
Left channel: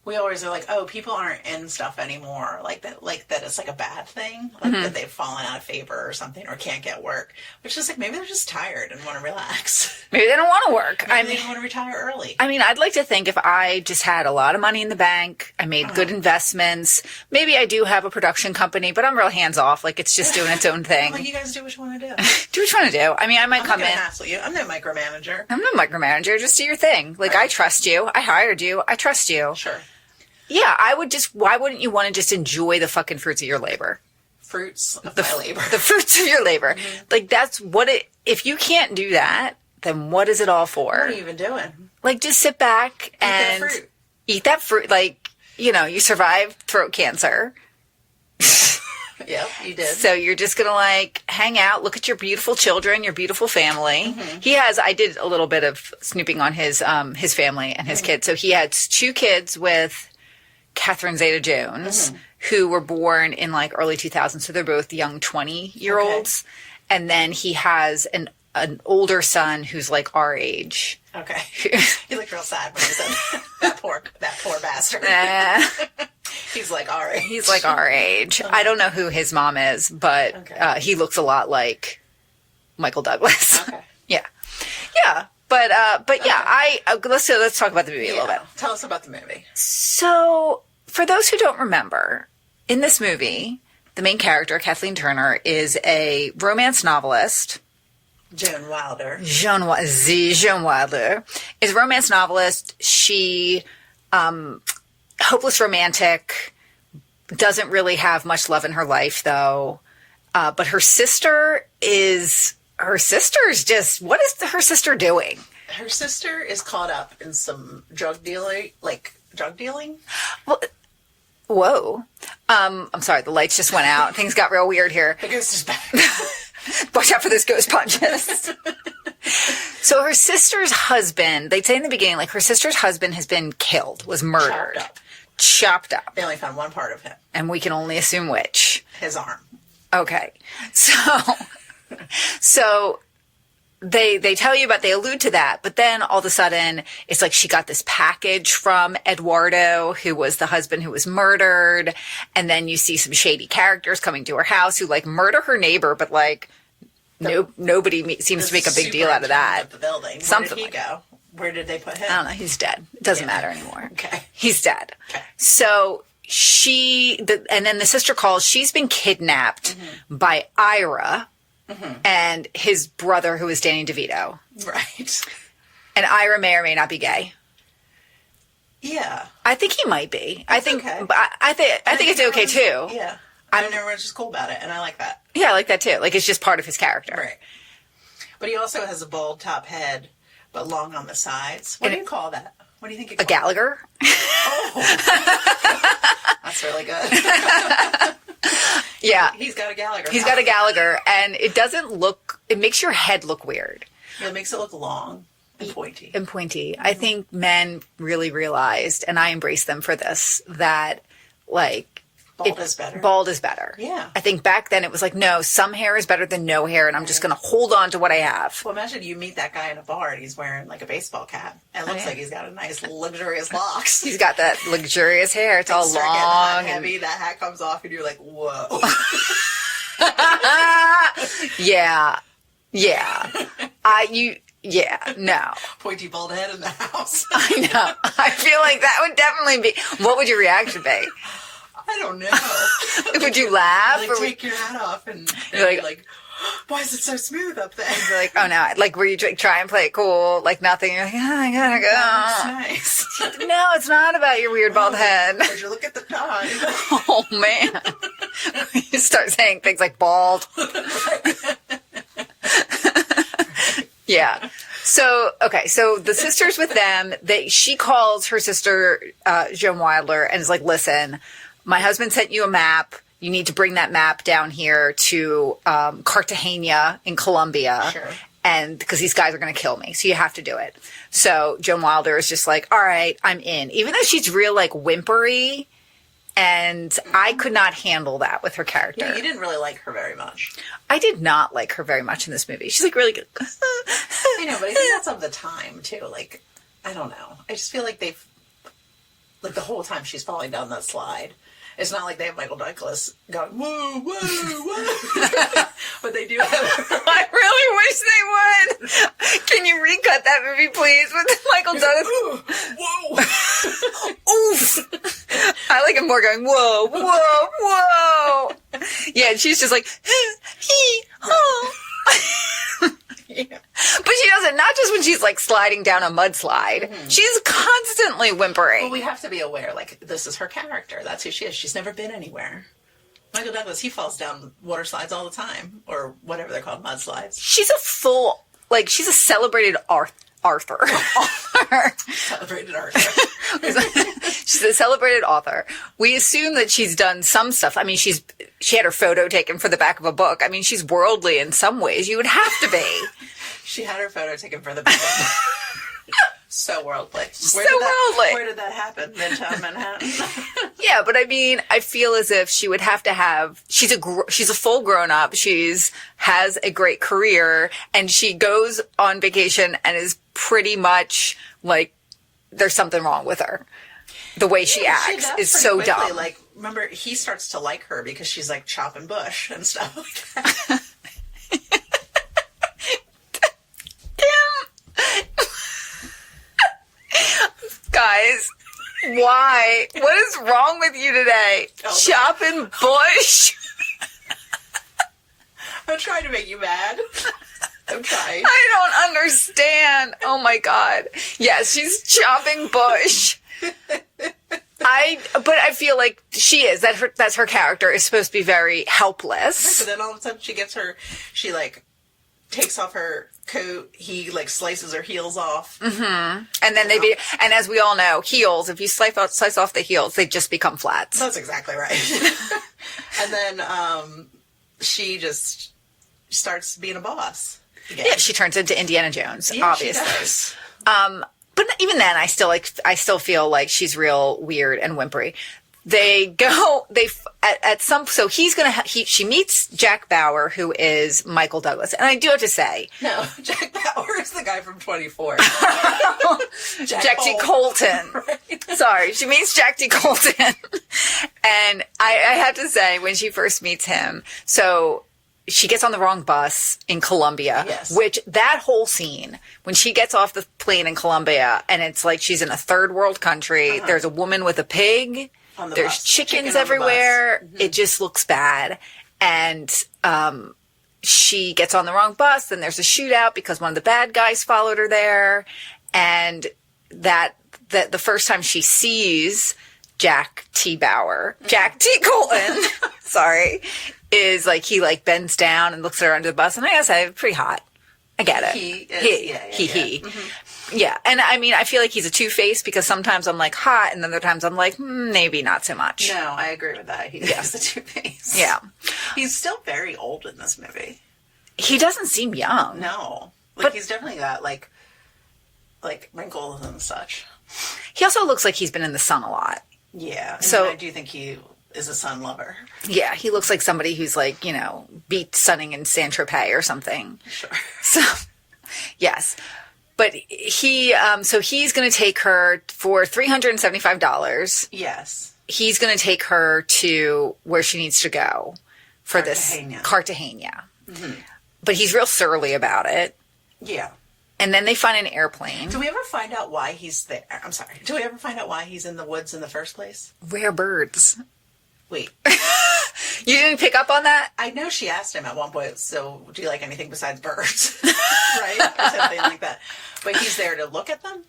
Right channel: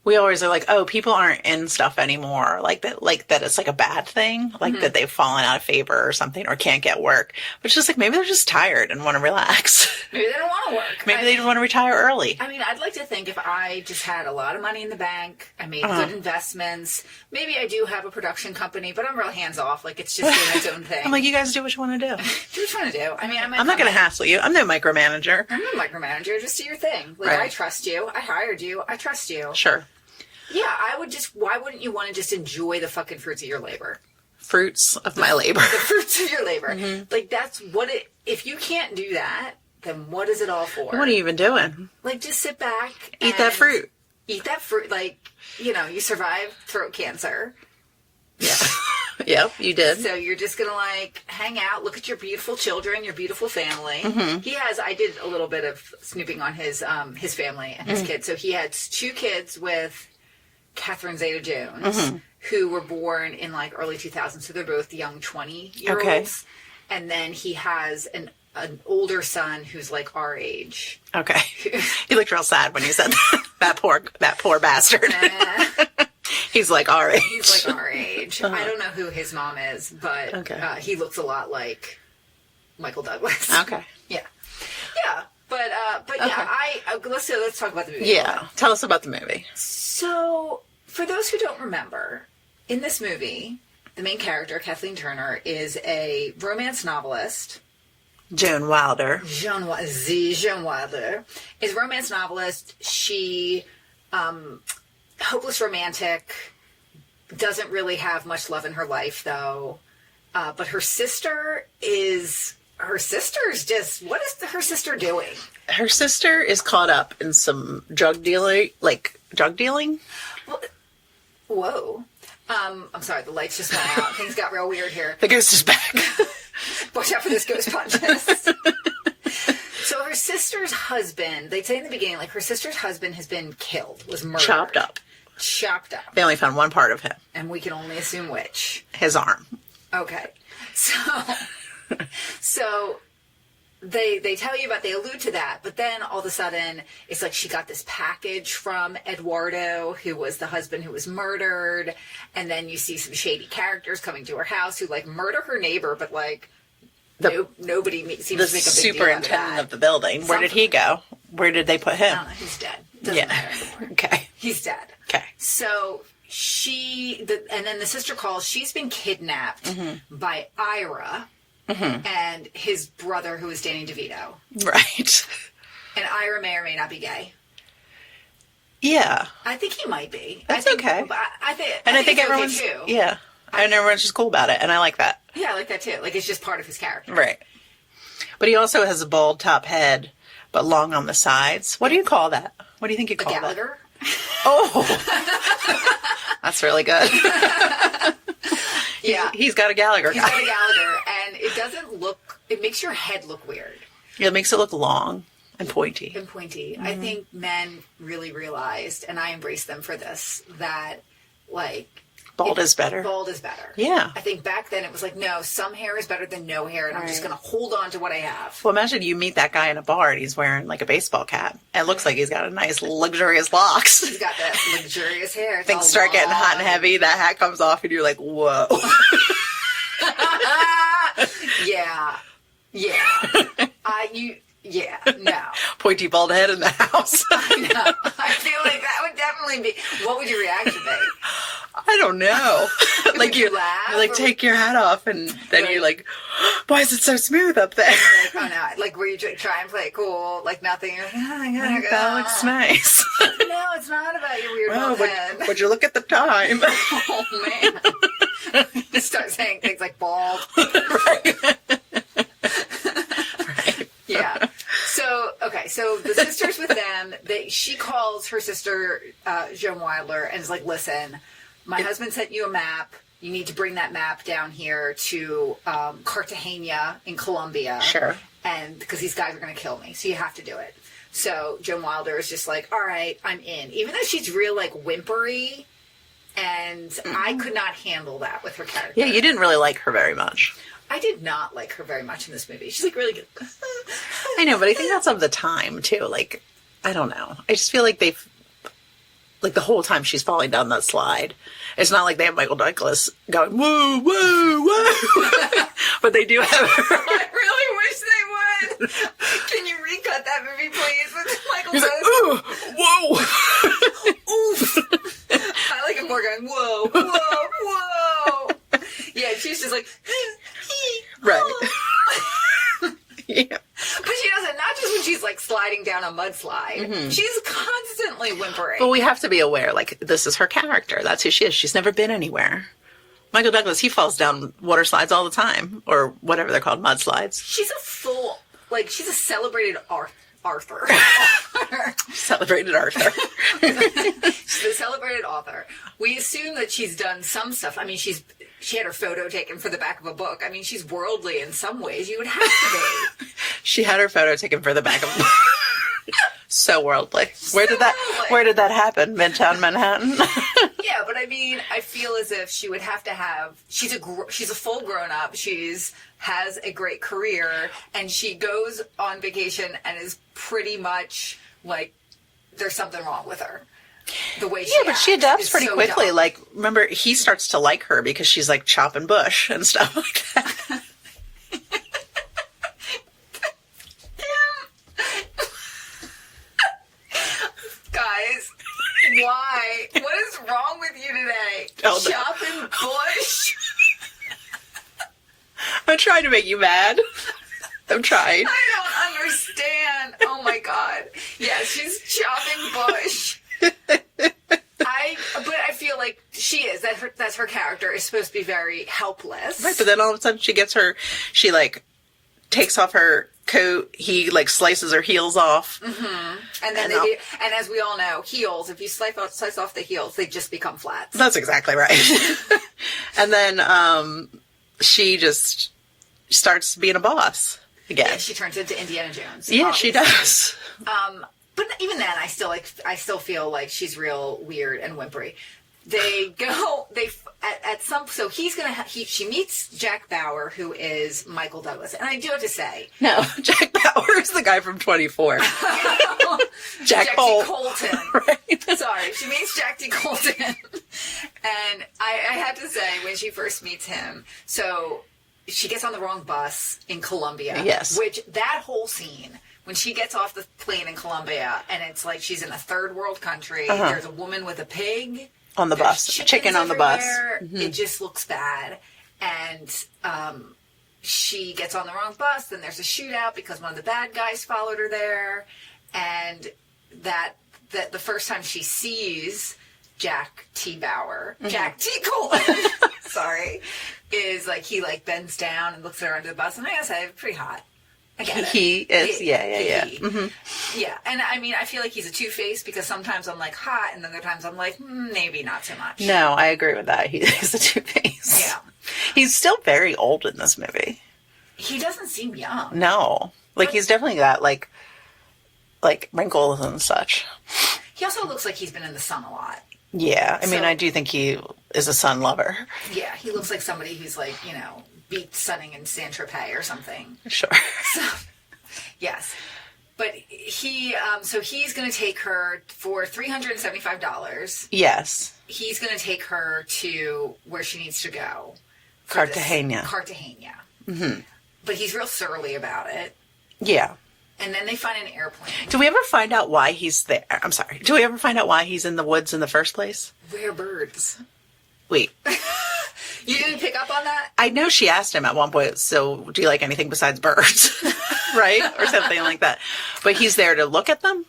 we always are like, oh, people aren't in stuff anymore. Like that it's like a bad thing. Like that they've fallen out of favor or something or can't get work. But it's just like, maybe they're just tired and want to relax. Maybe they don't want to work. Maybe they just want to retire early. I mean, I'd like to think if I just had a lot of money in the bank, I made good investments, maybe I do have a production company, but I'm real hands off. Like, it's just doing its own thing. I'm like, you guys do what you want to do. Do what you want to do. I mean, I'm not going to hassle you. I'm no micromanager. I'm no micromanager. Just do your thing. Like, Right. I trust you. I hired you. I trust you. Sure. Yeah, why wouldn't you want to just enjoy the fucking fruits of your labor? Fruits of my labor. The fruits of your labor. Like, that's what if you can't do that, then what is it all for? What are you even doing? Like, just sit back and Eat that fruit. Eat that fruit. Like, you survived throat cancer. Yeah. Yep, you did. So you're just going to, like, hang out, look at your beautiful children, your beautiful family. I did a little bit of snooping on his family and his kids. So he had 2 kids with Catherine Zeta-Jones, who were born in, like, early 2000s. So they're both young 20-year-olds. Okay. And then he has an older son who's, like, our age. Okay. You looked real sad when you said that. that poor bastard. He's like our age. He's like our age. I don't know who his mom is, but he looks a lot like Michael Douglas. Okay. Yeah. Yeah. But yeah, let's talk about the movie. Yeah. Tell us about the movie. So, for those who don't remember, in this movie, the main character, Kathleen Turner, is a romance novelist. Joan Wilder. Joan Wilder is a romance novelist. She, hopeless romantic, doesn't really have much love in her life, though. But her sister is just, what is her sister doing? Her sister is caught up in some drug dealing. Well, whoa. I'm sorry, the lights just went out. Things got real weird here. The ghost is back. Watch out for those ghost punches. So her sister's husband, they'd say in the beginning, like, her sister's husband has been killed, was murdered. Chopped up. They only found one part of him. And we can only assume which. His arm. Okay. So they tell you about, they allude to that, but then all of a sudden it's like she got this package from Eduardo, who was the husband who was murdered, and then you see some shady characters coming to her house who, like, murder her neighbor, but, like, nobody seems to make a big deal out of that. Of the building. Where did he go? Where did they put him? I don't know. He's dead. It doesn't matter anymore. Okay. He's dead. Okay. So and then the sister calls. She's been kidnapped by Ira and his brother, who is Danny DeVito. Right. And Ira may or may not be gay. Yeah. I think he might be. That's okay. But I think it's okay too. Yeah. And everyone's just cool about it, and I like that. Yeah, I like that too. Like, it's just part of his character. Right. But he also has a bald top head, but long on the sides. What do you call that? What do you think you call a Gallagher? Oh. That's really good. Yeah. He's got a Gallagher. He's got a Gallagher, and it makes your head look weird. Yeah, it makes it look long and pointy. I think men really realized, and I embrace them for this, that, like, Bald is better. Bald is better. Yeah. I think back then it was like, no, some hair is better than no hair, and I'm just going to hold on to what I have. Well, imagine you meet that guy in a bar and he's wearing, like, a baseball cap. And it looks like he's got a nice, luxurious locks. He's got that luxurious hair. It's all start getting long hot and heavy. That hat comes off and you're like, whoa. Yeah. No. Pointy bald head in the house. I know. I feel like that would definitely be. What would your reaction be? I don't know. Would you laugh? Like, take your hat off, and then you're like, why is it so smooth up there? Like, oh no, like, were you try and play it cool, like nothing? You're like, oh, I gotta go. That looks nice. No, it's not about your weird bald head. Would you look at the time? Oh man. You start saying things like bald. Yeah. So, okay. So the sister's with them. She calls her sister, Joan Wilder, and is like, listen, my husband sent you a map. You need to bring that map down here to Cartagena in Colombia. Sure. And because these guys are going to kill me. So you have to do it. So Joan Wilder is just like, all right, I'm in. Even though she's real, like, whimpery. And I could not handle that with her character. Yeah, you didn't really like her very much. I did not like her very much in this movie. She's like really good. I know, but I think that's of the time too. Like, I don't know. I just feel like like the whole time she's falling down that slide. It's not like they have Michael Douglas going, woo, woo, woo. But they do have I really wish they would. Can you recut that movie, please, with Michael Douglas? Whoa. Oof. I like him more going, whoa, whoa, whoa. Yeah, and she's just like, Right. Yeah. But she does it not just when she's like sliding down a mudslide. Mm-hmm. She's constantly whimpering. Well, we have to be aware, like, this is her character. That's who she is. She's never been anywhere. Michael Douglas, he falls down water slides all the time, or whatever they're called, mudslides. She's she's a celebrated Arthur. Celebrated Arthur. She's a celebrated author. We assume that she's done some stuff. I mean, she had her photo taken for the back of a book. I mean, she's worldly in some ways. You would have to be. She had her photo taken for the back of a book. So worldly. Where did that happen? Midtown Manhattan? Yeah, but I mean, I feel as if she would have to have. She's a full grown up. Has a great career, and she goes on vacation and is pretty much like there's something wrong with her. The way she acts, she adapts pretty so quickly. dumb. Like, remember, he starts to like her because she's like chopping bush and stuff like that. Guys, why? What is wrong with you today? Chopping bush? I'm trying to make you mad. I'm trying. I don't understand. Oh my God. Yes, she's chopping bush. But I feel like she is. That's her character is supposed to be very helpless. Right, but then all of a sudden she like takes off her coat. He like slices her heels off. Mm-hmm. And then and as we all know, heels, if you slice off the heels, they just become flats. That's exactly right. And then she just starts being a boss again. Yeah, she turns into Indiana Jones. Yeah, obviously. she does. But even then, I still feel like she's real weird and whimpery. She meets Jack Bauer, who is Michael Douglas. And I do have to say. No, Jack Bauer is the guy from 24. Jack T. Colton. Right. Sorry. She meets Jack T. Colton. And I have to say, when she first meets him, so she gets on the wrong bus in Colombia. Yes. Which, that whole scene, when she gets off the plane in Colombia, and it's like she's in a third world country, there's a woman with a pig. On the There's bus. chickens Chicken everywhere. On the bus. Mm-hmm. It just looks bad. And she gets on the wrong bus. Then there's a shootout because one of the bad guys followed her there. And that the first time she sees Jack T. Bauer, Jack T. Colton, sorry, is like he like bends down and looks at her under the bus. And I gotta say, pretty hot. I get it. He is, yeah. Mm-hmm. Yeah, and I mean, I feel like he's a two-faced because sometimes I'm like hot, and then other times I'm like, maybe not so much. No, I agree with that. He's a two-faced. Yeah. He's still very old in this movie. He doesn't seem young. No. Like, he's definitely got, like wrinkles and such. He also looks like he's been in the sun a lot. Yeah. I mean, I do think he is a sun lover. Yeah, he looks like somebody who's like, beat sunning in Saint-Tropez or something. Sure. So, yes. But so he's going to take her for $375. Yes. He's going to take her to where she needs to go. For Cartagena. Cartagena. Mm-hmm. But he's real surly about it. Yeah. And then they find an airplane. Do we ever find out why he's there? I'm sorry. Do we ever find out why he's in the woods in the first place? Rare birds. Wait. You didn't pick up on that? I know she asked him at one point, so do you like anything besides birds? Right? Or something like that. But he's there to look at them?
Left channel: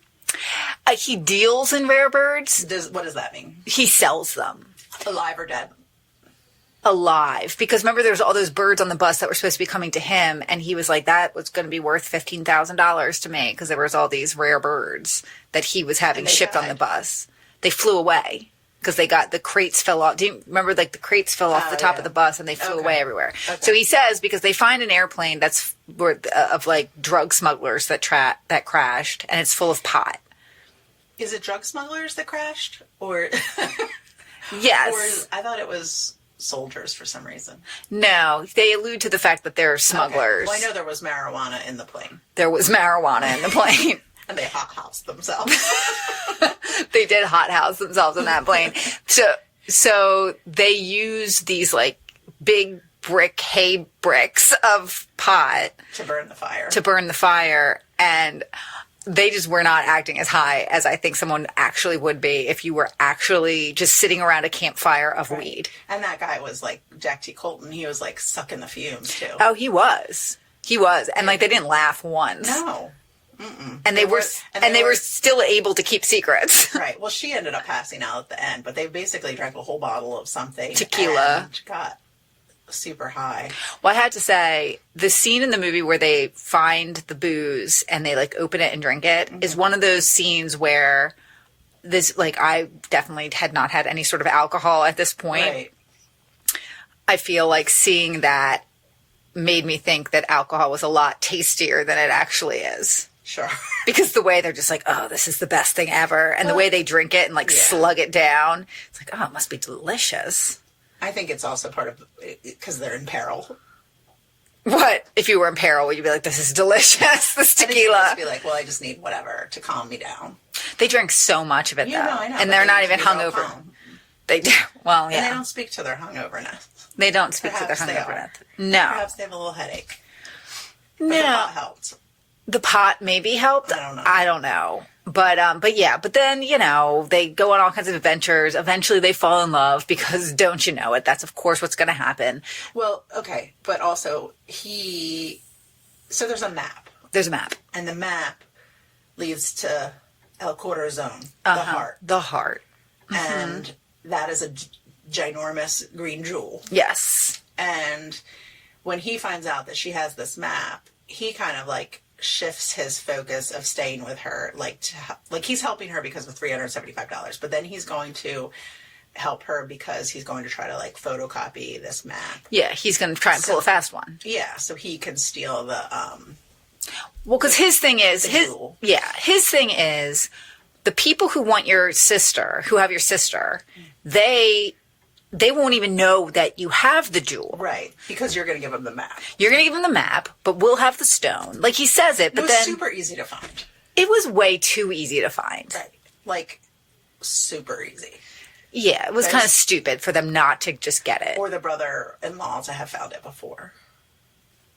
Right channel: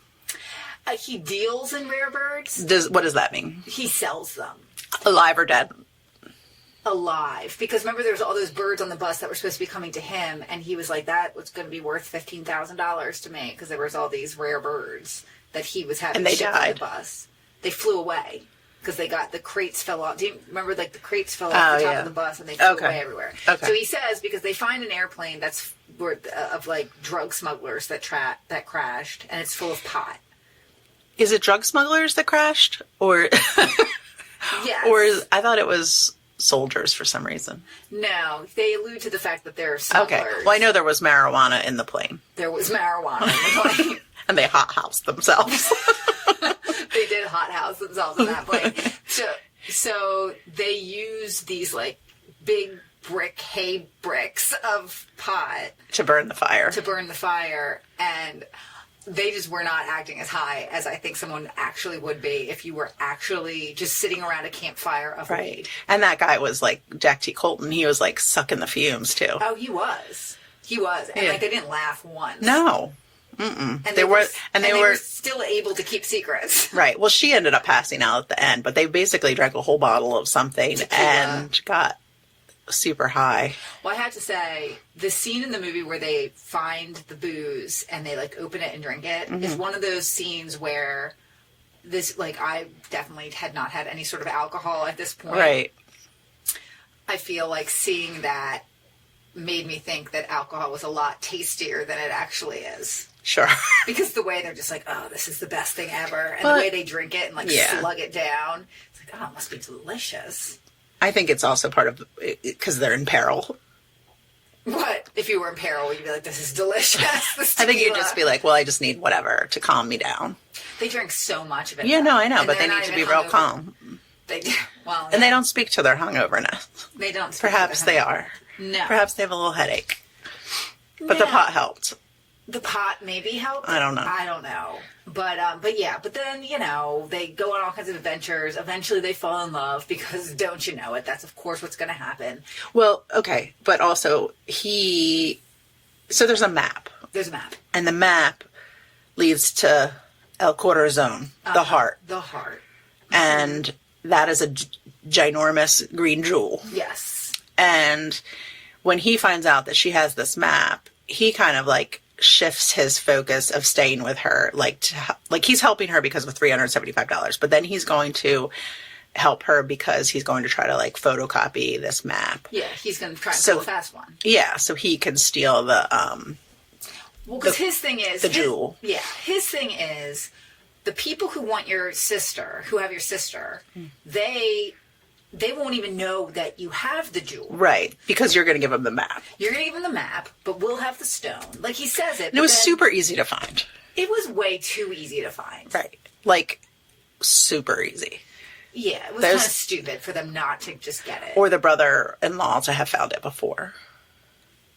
He deals in rare birds. What does that mean? He sells them. Alive or dead? Alive. Because remember, there was all those birds on the bus that were supposed to be coming to him, and he was like, that was going to be worth $15,000 to me, because there was all these rare birds that he was having shipped on the bus. They flew away. Because they got the crates fell off. Do you remember, like, the crates fell off the top of the bus and they flew away everywhere? Okay. So he says, because they find an airplane that's of like drug smugglers that crashed, and it's full of pot. Is it drug smugglers that crashed, or yes, or I thought it was soldiers for some reason. No, they allude to the fact that they're smugglers. Okay. Well, I know there was marijuana in the plane. There was marijuana in the plane. And they hothoused themselves. They did hothouse themselves in that plane. So they use these like big hay bricks of pot to burn the fire. And they just were not acting as high as I think someone actually would be if you were actually just sitting around a campfire of weed. And that guy was like Jack T. Colton. He was like sucking the fumes too. Oh, he was. And like they didn't laugh once. No. Mm-mm. And they were still able to keep secrets. Right. Well, she ended up passing out at the end, but they basically drank a whole bottle of something tequila and got super high. Well, I had to say, the scene in the movie where they find the booze and they like open it and drink it is one of those scenes where this, like, I definitely had not had any sort of alcohol at this point. Right. I feel like seeing that made me think that alcohol was a lot tastier than it actually is. Sure. Because the way they're just like, oh, this is the best thing ever. And the way they drink it and like slug it down. It's like, oh, it must be delicious. I think it's also part of, because they're in peril. What? If you were in peril, would you be like, this is delicious, this tequila? I think you'd just be like, well, I just need whatever to calm me down. They drink so much of it, Yeah, though. no, I know. And they're not even hungover. Calm. They do. Well, yeah. And they don't speak to their hungoverness. They don't speak Perhaps to their they hungover. are. No. Perhaps they have a little headache. But the pot helped. The pot maybe helped. I don't know. I don't know. But yeah, but then, you know, they go on all kinds of adventures. Eventually they fall in love because don't you know it? That's of course what's going to happen. Well, okay. But also so there's a map. There's a map. And the map leads to El Corazon, the heart. The heart. And that is a ginormous green jewel. Yes. And when he finds out that she has this map, he kind of like shifts his focus of staying with her. Like he's helping her because of $375, but then he's going to help her because he's going to try to like photocopy this map. Yeah, he's going to try and pull a fast one. Yeah, so he can steal the well, because his thing is the jewel. Yeah, his thing is the people who want your sister, who have your sister, they won't even know that you have the jewel. Right, because you're going to give them the map. You're going to give them the map, but we'll have the stone. Like he says it. It was super easy to find. It was way too easy to find. Right. Like, super easy. Yeah, it was kind of stupid for them not to just get it. Or the brother-in-law to have found it before.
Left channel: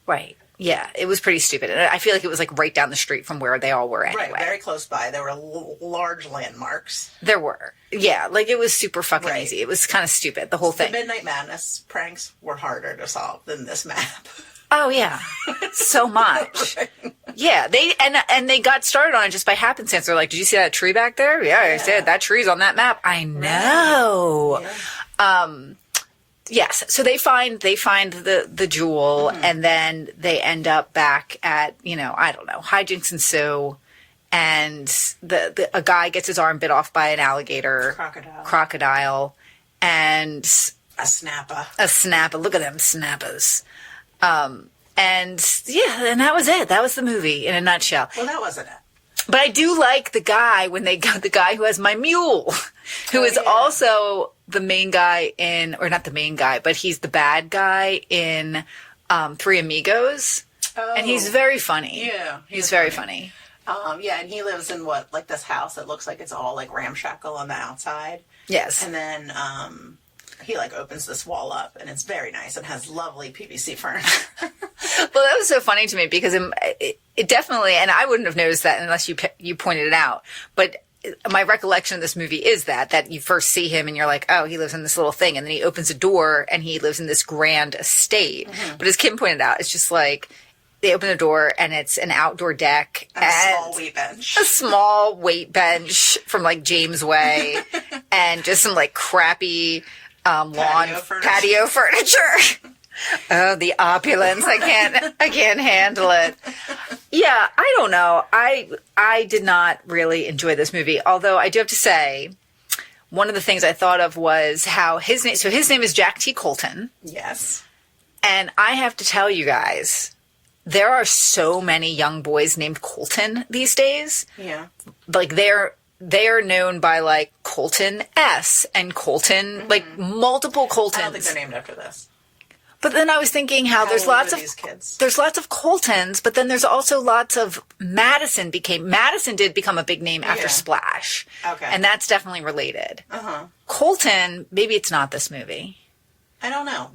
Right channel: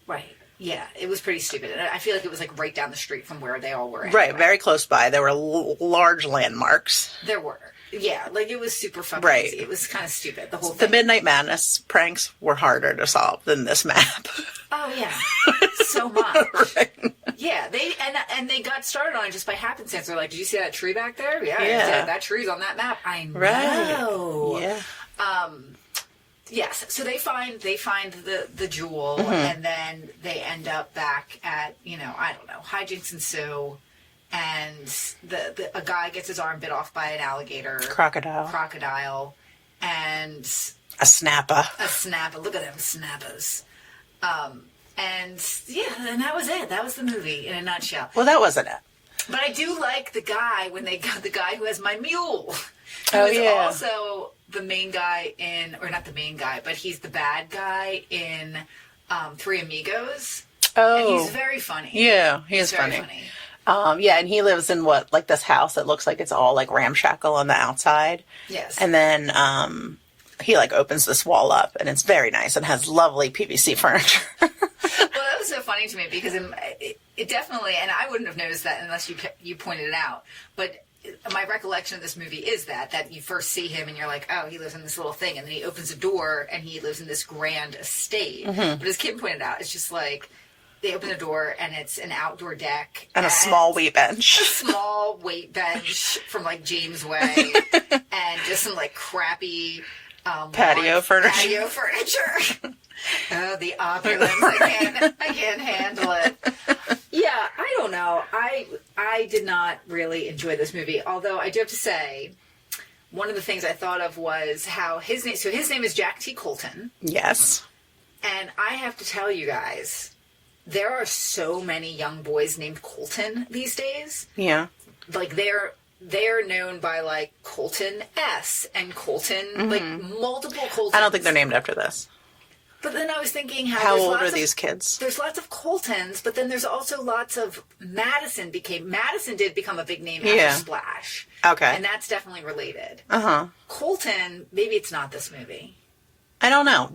Right. Yeah, it was pretty stupid. And I feel like it was like right down the street from where they all were anyway. Right, very close by. There were large landmarks. There were. Yeah, like it was super fucking easy. It was kind of stupid, the whole thing. The Midnight Madness pranks were harder to solve than this map. Oh, yeah. So much. Right. Yeah, they got started on it just by happenstance. They're like, did you see that tree back there? Yeah, I said that tree's on that map. I know. Right. Yeah. Yes, so they find the jewel, and then they end up back at, I don't know, hijinks ensue, and a guy gets his arm bit off by an alligator. Crocodile, and a snapper. Look at them snappers. And that was it. That was the movie in a nutshell. Well, that wasn't it. But I do like the guy the guy who has my mule, who is also the main guy or not the main guy, but he's the bad guy in Three Amigos. Oh. And he's very funny. Yeah, he's very funny. Yeah, and he lives in like this house that looks like it's all like ramshackle on the outside. Yes. And then he like opens this wall up and it's very nice and has lovely PVC furniture. Well, that was so funny to me because it definitely, and I wouldn't have noticed that unless you pointed it out, but my recollection of this movie is that you first see him and you're like, oh, he lives in this little thing. And then he opens a door and he lives in this grand estate. But as Kim pointed out, it's just like they open the door and it's an outdoor deck. And a small weight bench. A small weight bench from like James Way and just some like crappy patio furniture. Oh, the opulence. I can't handle it. Yeah, I don't know. I did not really enjoy this movie. Although I do have to say, one of the things I thought of was how his name is Jack T. Colton. Yes. And I have to tell you guys, there are so many young boys named Colton these days. Yeah. Like they are known by like Colton S and Colton, like multiple Coltons. I don't think they're named after this. But then I was thinking how there's old lots of these kids. There's lots of Coltons, but then there's also lots of Madison did become a big name after Splash. Okay. And that's definitely related. Uh-huh. Colton, maybe it's not this movie. I don't know.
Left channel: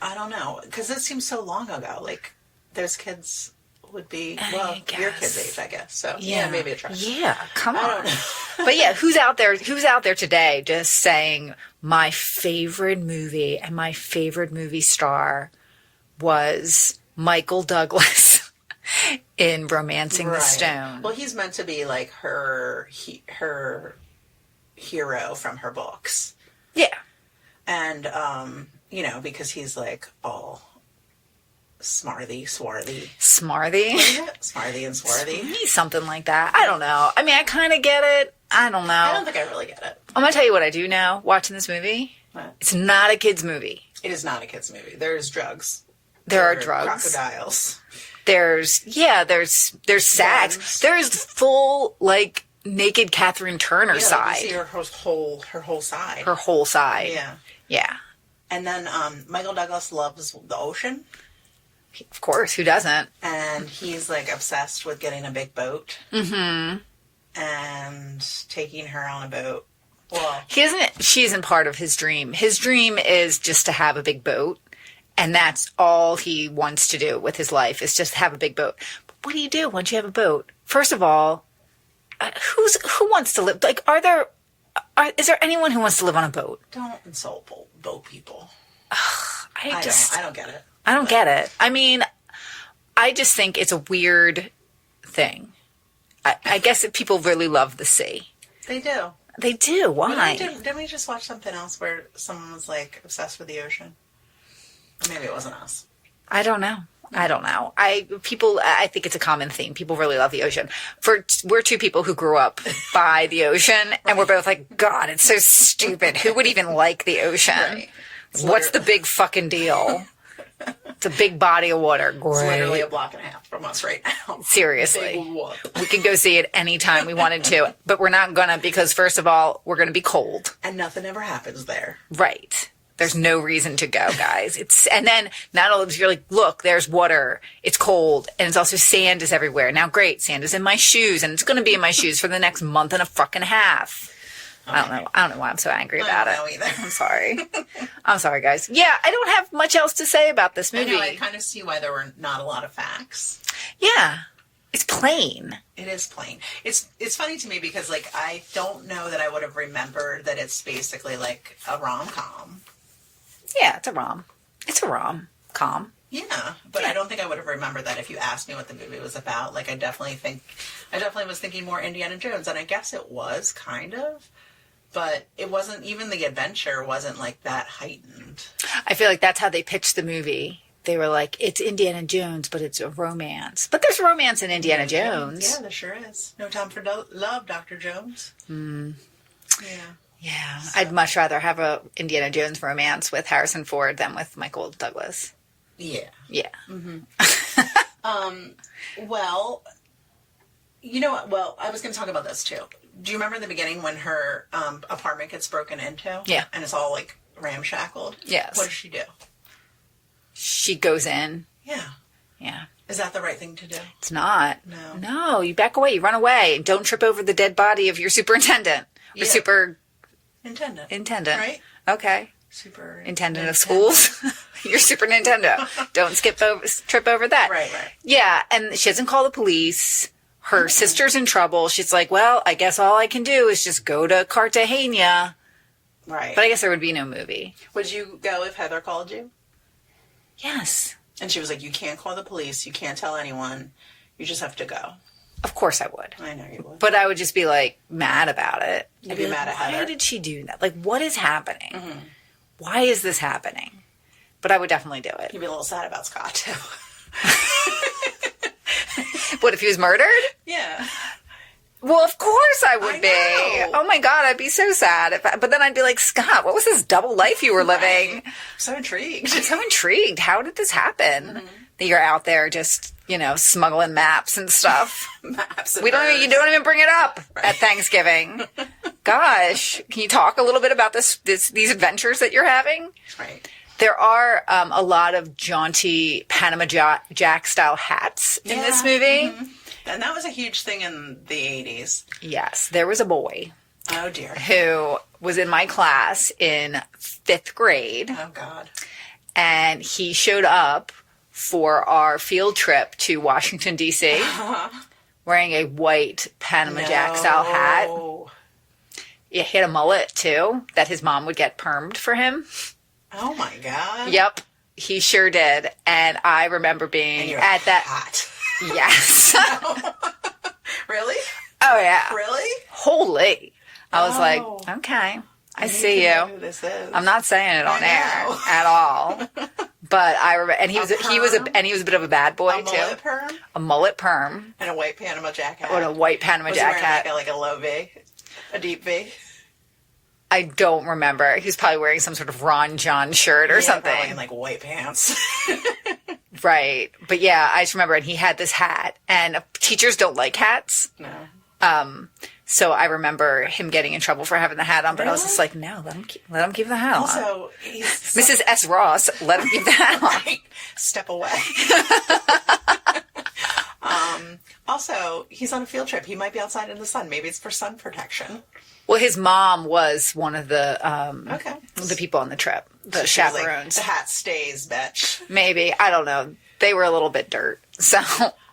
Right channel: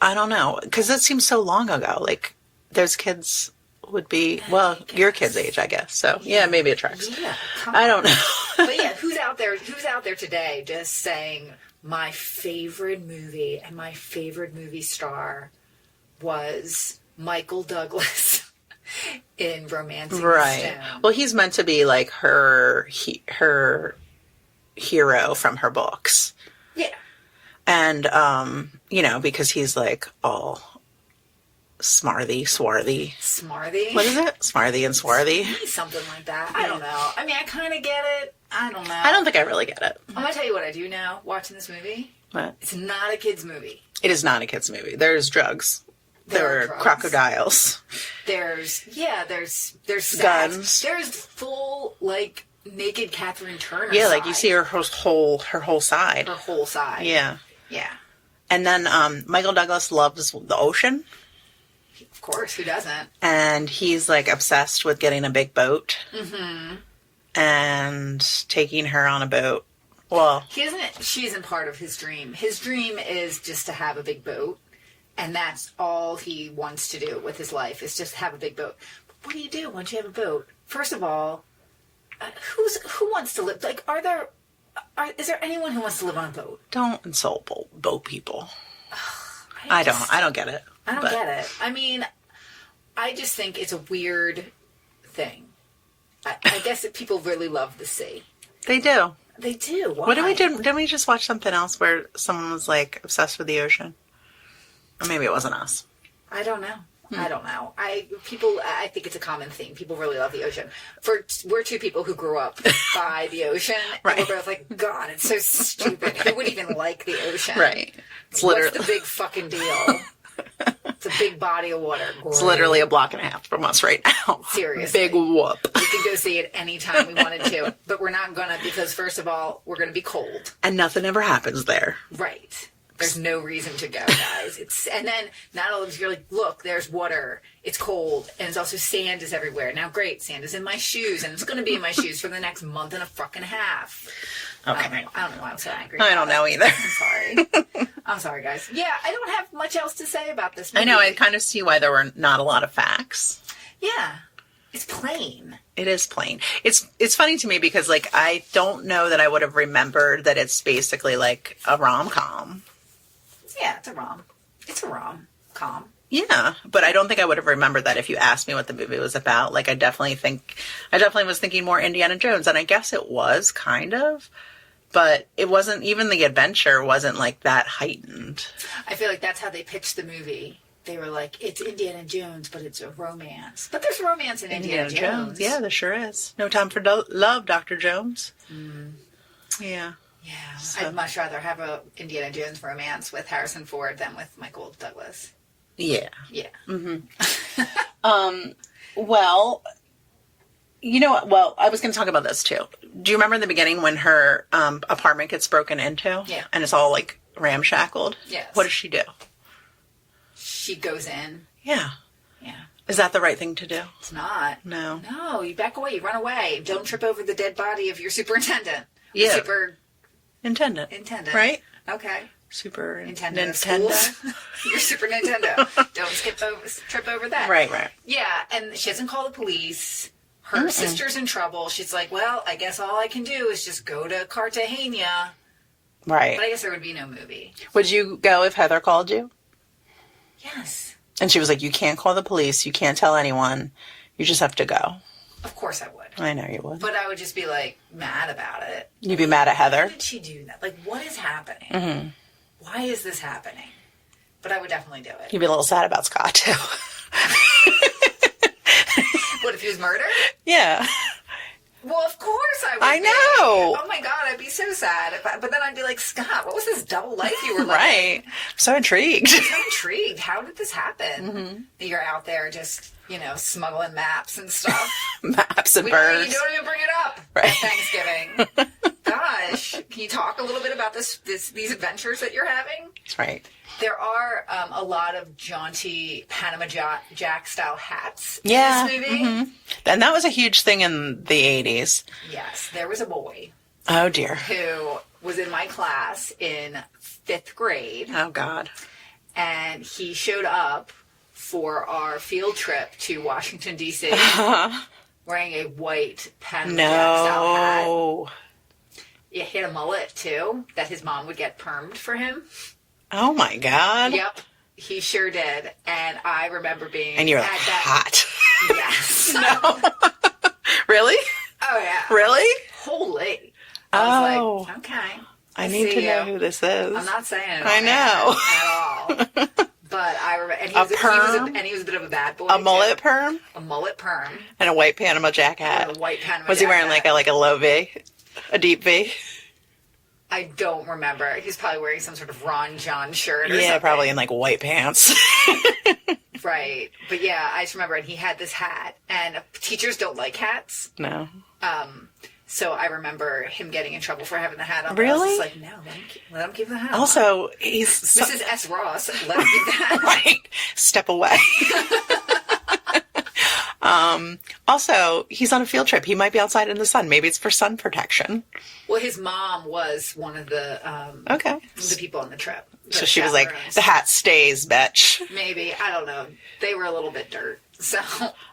I don't know. Because it seems so long ago. Like, those kids would be, well, your kid's age, I guess. So, yeah maybe it tracks. Yeah, come on. I don't know. But yeah, who's out there today just saying, my favorite movie and my favorite movie star was Michael Douglas in Romancing the Stone. Well, he's meant to be like her hero from her books. Yeah. And, because he's like all swarthy. Smarthy? What is it? Smarthy and swarthy. Something like that. I don't know. I mean, I kind of get it. I don't know. I don't think I really get it. I'm going to tell you what I do now watching this movie. What? It's not a kid's movie. It is not a kid's movie. There's drugs. There are drugs. Crocodiles. There's sags. Guns. There's full, like, naked Kathleen Turner side. Yeah, like you see her whole side. Her whole side. Yeah. Yeah. And then Michael Douglas loves the ocean. Of course, who doesn't? And he's like obsessed with getting a big boat. Mm-hmm. And taking her on a boat. Well, she isn't part of his dream. His dream is just to have a big boat. And that's all he wants to do with his life is just have a big boat. But what do you do once you have a boat? First of all, who wants to live? Like, is there anyone who wants to live on a boat? Don't insult boat people. I don't get it. I don't get it. I mean, I just think it's a weird thing. I guess that people really love the sea. They do. They do. Why? Didn't we just watch something else where someone was like obsessed with the ocean? Or maybe it wasn't us. I don't know. I don't know. I think it's a common theme. People really love the ocean. We're two people who grew up by the ocean, and we're both like, God, it's so stupid. Who would even like the ocean? Right. What's the big fucking deal? It's a big body of water. Great. It's literally a block and a half from us right now. Seriously. Big whoop. We could go see it anytime we wanted to, but we're not gonna because first of all, we're gonna be cold. And nothing ever happens there. Right. There's no reason to go, guys. And then not all of you're like, look, there's water. It's cold, and it's also sand is everywhere. Now, great, sand is in my shoes, and it's going to be in my shoes for the next month and a fucking half. Okay. I don't know why I'm so angry about it. I don't know either. I'm sorry. I'm sorry, guys. Yeah, I don't have much else to say about this movie. I know. I kind of see why there were not a lot of facts. Yeah. It's plain. It is plain. It's funny to me because, like, I don't know that I would have remembered that it's basically like a rom-com. Yeah, it's a rom. It's a rom-com. Yeah, but I don't think I would have remembered that if you asked me what the movie was about. Like, I definitely was thinking more Indiana Jones, and I guess it was kind of, but it wasn't, even the adventure wasn't like that heightened. I feel like that's how they pitched the movie. They were like, it's Indiana Jones, but it's a romance. But there's romance in Indiana Jones. Yeah, there sure is. No time for love, Dr. Jones. Yeah. Yeah, so. I'd much rather have a Indiana Jones romance with Harrison Ford than with Michael Douglas. Yeah. Yeah. Mm-hmm. Well, you know what? Well, I was going to talk about this too. Do you remember in the beginning when her apartment gets broken into? Yeah. And it's all like ramshackled? Yes. What does she do? She goes in. Yeah. Yeah. Is that the right thing to do? It's not. No. No, you back away. You run away. Don't trip over the dead body of your superintendent. Yeah. Intendant. Right? Okay. Superintendent of schools. You're Super Nintendo. Don't trip over that. Right. Yeah, and she doesn't call the police. Her sister's in trouble. She's like, well, I guess all I can do is just go to Cartagena. Right. But I guess there would be no movie. Would you go if Heather called you? Yes. And she was like, you can't call the police. You can't tell anyone. You just have to go. Of course I would. I know you would. But I would just be, like, mad about it. You'd be mad at Heather? Why did she do that? Like, what is happening? Why is this happening? But I would definitely do it. You'd be a little sad about Scott, too. What, if he was murdered? Yeah. Well, of course I would I be. know. Oh, my God, I'd be so sad. But then I'd be like, Scott, what was this double life you were living? Right. I'm so intrigued. I'm so intrigued. How did this happen? That you're out there just, smuggling maps and stuff. Maps and You don't even bring it up at Thanksgiving. Gosh, can you talk a little bit about these adventures that you're having? Right. There are a lot of jaunty Panama Jack style hats in this movie. And that was a huge thing in the 80s. Yes, there was a boy Oh, dear. who was in my class in 5th grade, Oh, God. and he showed up for our field trip to Washington, D.C., wearing a white Panama Jack style hat. He had a mullet, too, that his mom would get permed for him. Oh, my God. Yep, he sure did. And I remember being And you're at that. hot. Yes. Really? Oh, yeah. Really? Holy. I was like, okay. I need see to you. know who this is. I'm not saying it on I know. air at all. But I remember, and he was a bit of a bad boy. A mullet perm? A mullet perm. And a white Panama Jack hat. Or a white Panama Was Jack he wearing hat. like a low V? A deep V? I don't remember. He was probably wearing some sort of Ron John shirt or something. Probably in like white pants. Right. But yeah, I just remember, and he had this hat, and teachers don't like hats. No. So I remember him getting in trouble for having the hat on, but I was Really? just like, no, let him keep the hat on. Also, he's... Mrs. S. Ross, let him keep the hat on. Right. Step away. Also, he's on a field trip. He might be outside in the sun. Maybe it's for sun protection. Well, his mom was one of the the people on the trip. So she was like, the hat stays, bitch. Maybe. I don't know. They were a little bit dirt. So.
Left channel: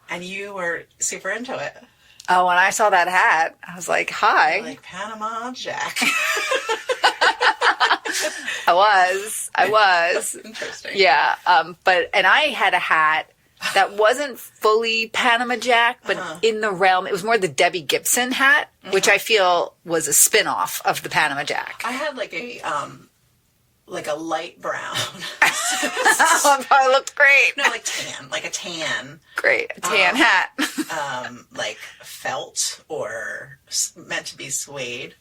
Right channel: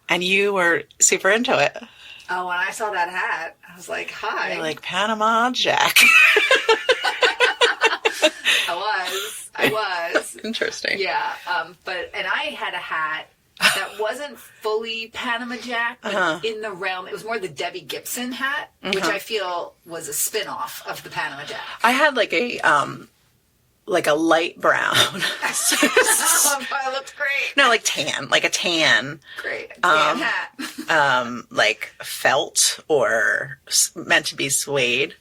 And you were super into it. Oh, when I saw that hat, I was like, hi. You're like, Panama Jack. I was. Interesting. Yeah. And I had a hat that wasn't fully Panama Jack, but in the realm, it was more the Debbie Gibson hat, which I feel was a spin-off of the Panama Jack. I had like a light brown. Oh, it probably looked great. No, like tan, like a tan. Great. A tan hat. Like felt or meant to be suede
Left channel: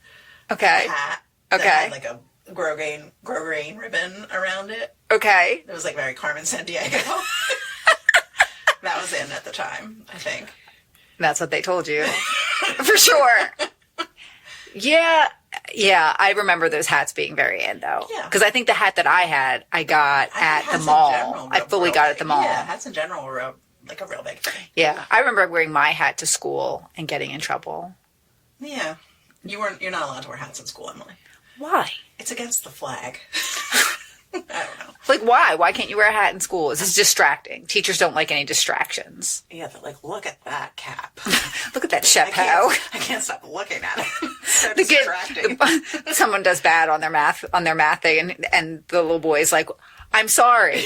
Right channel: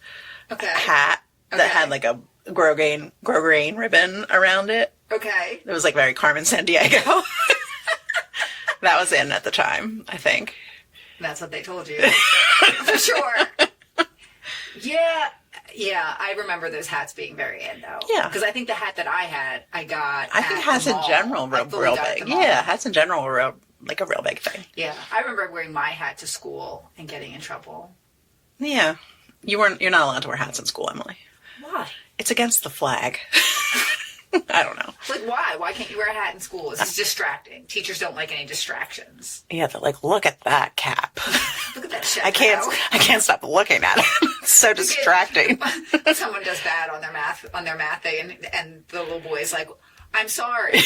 Okay. hat that had like a grosgrain ribbon around it. Okay. It was like very Carmen Sandiego. That was in at the time, I think. That's what they told you. For sure. Yeah, I remember those hats being very in, though. Yeah. Because I think the hat that I had, I got I think at hats the mall. in general were I fully real got it big. at the mall. Yeah, hats in general were a real big thing. Yeah, I remember wearing my hat to school and getting in trouble. Yeah. You're not allowed to wear hats in school, Emily. Why? It's against the flag. I don't know. Like, why? Why can't you wear a hat in school? It's just distracting. Teachers don't like any distractions. Yeah, they're like, look at that cap. Look at that chapeau. I can't stop looking at it. It's so distracting. Someone does bad on their math thing, and the little boy's like, I'm sorry.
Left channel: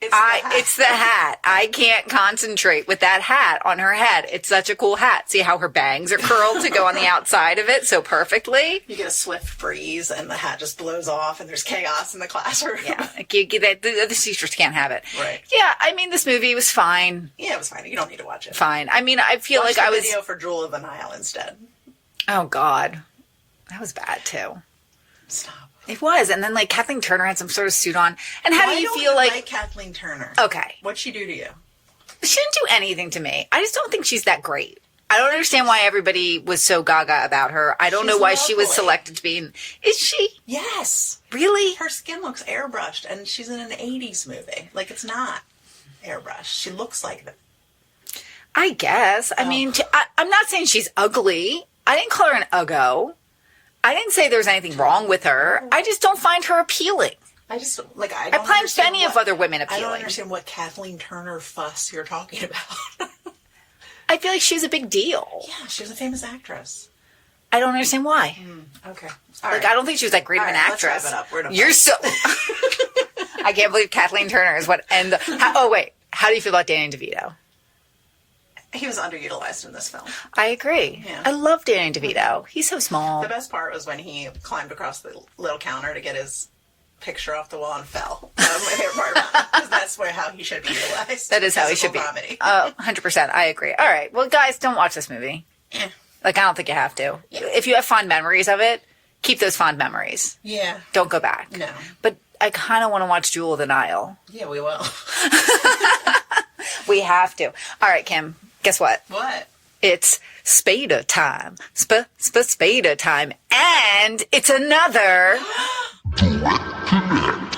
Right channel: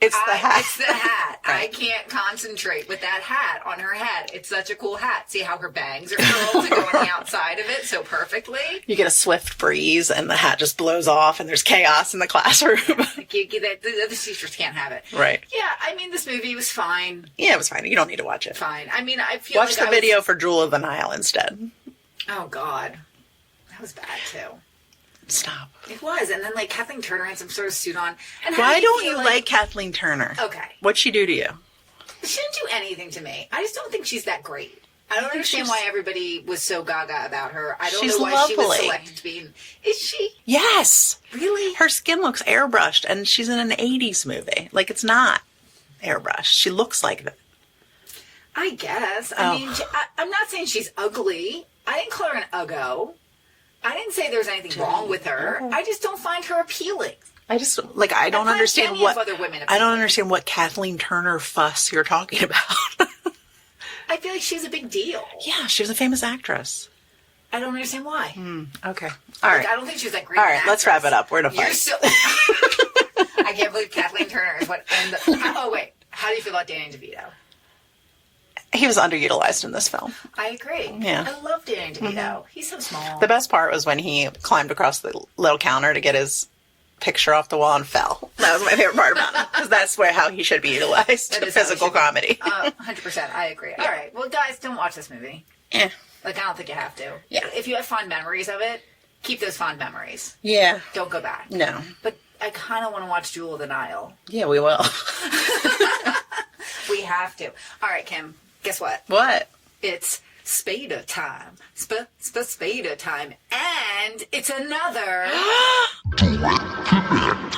It's the hat. I can't concentrate with that hat on her head. It's such a cool hat. See how her bangs are curled to go on the outside of it so perfectly? You get a swift breeze and the hat just blows off and there's chaos in the classroom. Yeah, like the teachers can't have it. Right. Yeah, I mean, this movie was fine. Yeah, it was fine. You don't need to watch it. Fine. I mean, I feel Watch like the video for Jewel of the Nile instead. Oh, God. That was bad, too. Stop. It was. And then, like, Kathleen Turner had some sort of suit on. And how Why do you don't feel you like Kathleen Turner? Okay. What'd she do to you? She didn't do anything to me. I just don't think she's that great. I don't understand why everybody was so gaga about her. I don't know why she was lovely. selected to be in... Is she? Yes. Really? Her skin looks airbrushed and she's in an 80s movie. Like, it's not airbrushed. She looks like that. I guess. I mean, I'm not saying she's ugly. I didn't call her an uggo. I didn't say there's anything wrong with her. I just don't find her appealing. I just, like, I don't find understand plenty of other women I appealing. don't understand what Kathleen Turner fuss you're talking about. I feel like she was a big deal. Yeah, she was a famous actress. I don't understand why. Okay. All right. I don't think she was that great of an actress. Let's wrap it up. We're in a fight. You're so... I can't believe Kathleen Turner is what... Oh, wait. How do you feel about Danny DeVito? He was underutilized in this film. I agree. Yeah. I love Danny DeVito. He's so small. The best part was when he climbed across the little counter to get his picture off the wall and fell. That was my favorite part about it. Because that's how he should be utilized. That is how he physical should be. comedy. 100%. I agree. All right. Well, guys, don't watch this movie. Yeah. Like, I don't think you have to. Yeah. If you have fond memories of it, keep those fond memories. Yeah. Don't go back. No. But I kind of want to watch Jewel of the Nile. Yeah, we will. We have to. All right, Kim. Guess what? What? It's Spada time. Spada time. And it's another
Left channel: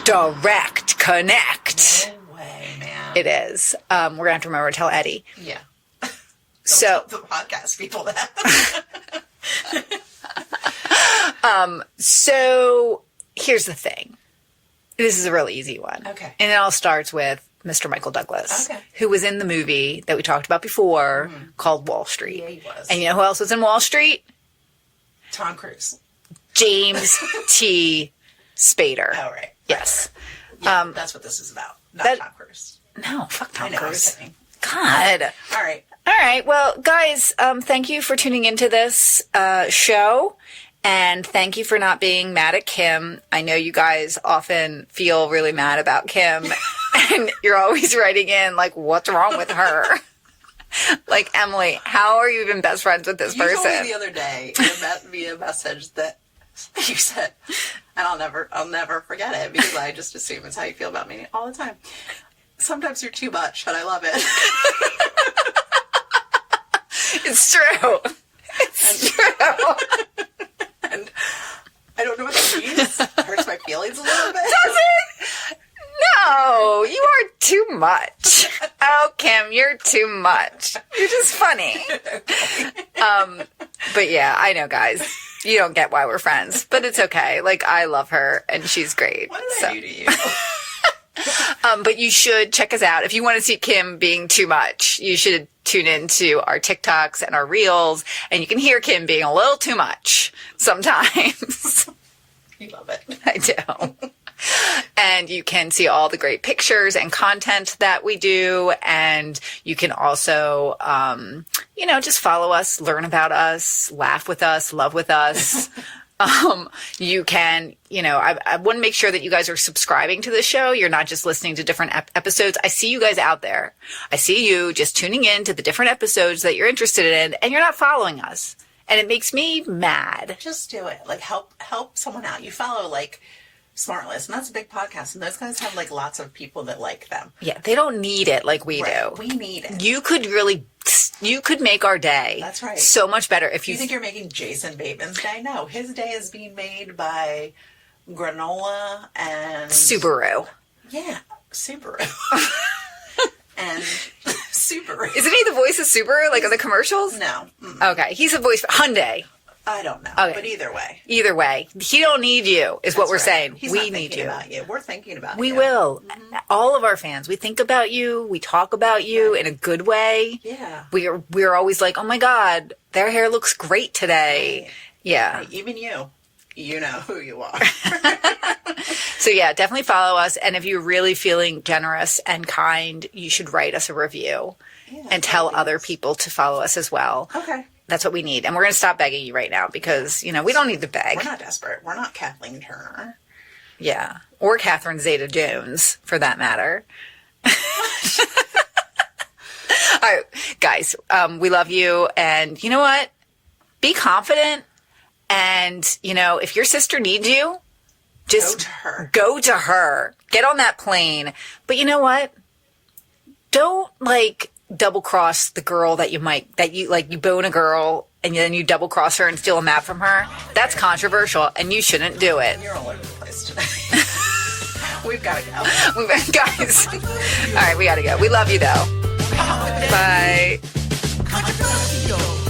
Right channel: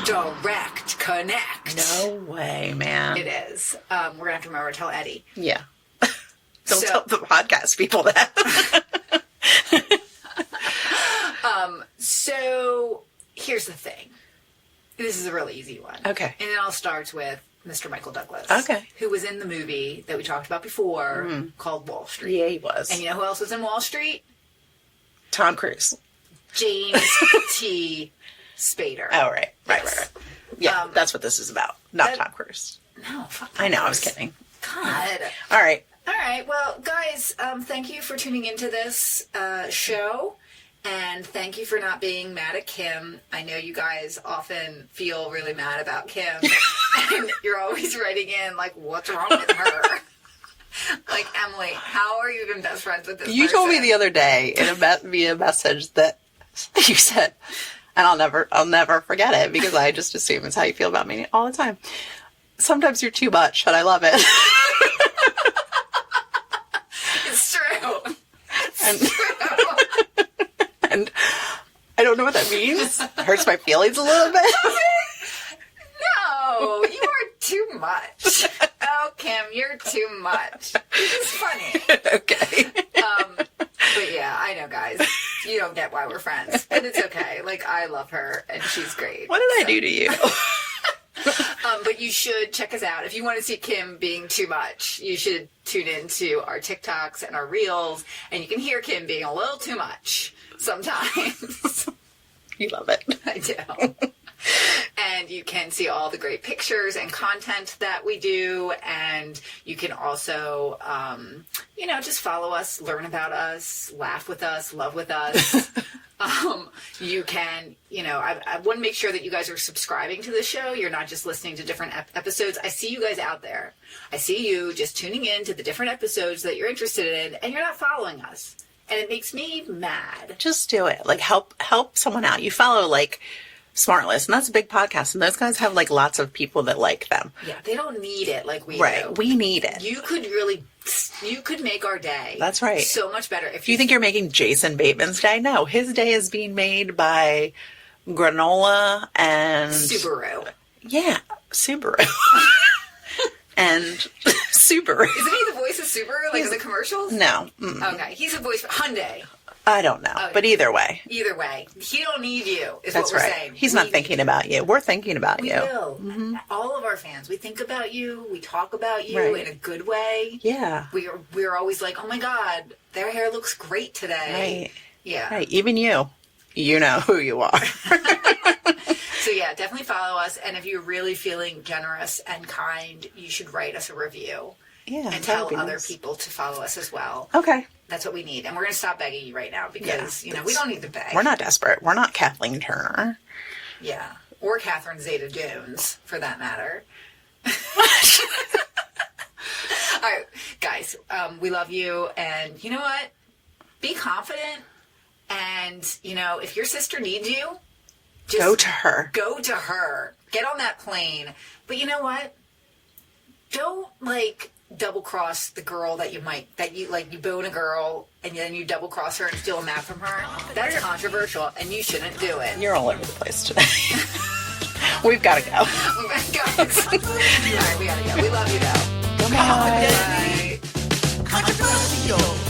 Direct Connect. No way, man. It is. We're going to have to remember to tell Eddie. Yeah. Don't tell the podcast people that. So here's the thing. This is a really easy one. Okay. And it all starts with Mr. Michael Douglas. Okay. Who was in the movie that we talked about before called Wall Street. Yeah, he was. And you know who else was in Wall Street? Tom Cruise. James T. Spader. Oh, right. Yes. Right. Yeah, that's what this is about. Not Tom Cruise. No, fuck Tom I know, Cruise. I was kidding. God. All right. All right. Well, guys, thank you for tuning into this show. And thank you for not being mad at Kim. I know you guys often feel really mad about Kim. And you're always writing in, like, what's wrong with her? Like, Emily, how are you even best friends with this person? You told me the other day via message that you said, and I'll never forget it because I just assume it's how you feel about me all the time. Sometimes you're too much, and I love it. It's true. It's true. And I don't know what that means. It hurts my feelings a little bit. No, you are too much. Oh, Kim, you're too much. You're just funny. Okay. But yeah, I know, guys. You don't get why we're friends, but it's okay. Like, I love her, and she's great. What did I do to you? But you should check us out. If you want to see Kim being too much, you should tune into our TikToks and our Reels, and you can hear Kim being a little too much sometimes. You love it. I do. And you can see all the great pictures and content that we do. And you can also, just follow us, learn about us, laugh with us, love with us. You can, I want to make sure that you guys are subscribing to the show. You're not just listening to different episodes. I see you guys out there. I see you just tuning in to the different episodes that you're interested in, and you're not following us. And it makes me mad. Just do it. Like, help someone out. You follow, like, Smartless, and that's a big podcast, and those guys have, like, lots of people that like them. Yeah, they don't need it like we do. We need it. You could make our day. That's right. So much better. If Do you think you're making Jason Bateman's day? No, his day is being made by granola and Subaru. Yeah, Subaru. And Subaru. Isn't he the voice of Subaru, like in the commercials? No. Okay, he's a voice for Hyundai. I don't know. Okay. But either way. Either way, he don't need you, is That's what we're right. saying. He's We not need thinking you. about you. We're thinking about We you. will. All of our fans. We think about you. We talk about you Right. in a good way. Yeah. We're always like, oh my God, their hair looks great today. Right. Yeah. Right. Even you. You know who you are. So yeah, definitely follow us. And if you're really feeling generous and kind, you should write us a review Yeah. and tell that'd be other nice. people to follow us as well. Okay. That's what we need. And we're going to stop begging you right now because, we don't need to beg. We're not desperate. We're not Kathleen Turner. Yeah. Or Catherine Zeta-Jones, for that matter. All right, guys, we love you. And you know what? Be confident. And, if your sister needs you, just Go to her. Go to her. Get on that plane. But you know what? Don't, double cross the girl that you bone a girl and then you double cross her and steal a map from her. That's controversial and you shouldn't do it. You're all over the place today. We've got to go. Guys. All right, we got to go. We love you though. Confident, Bye. controversial.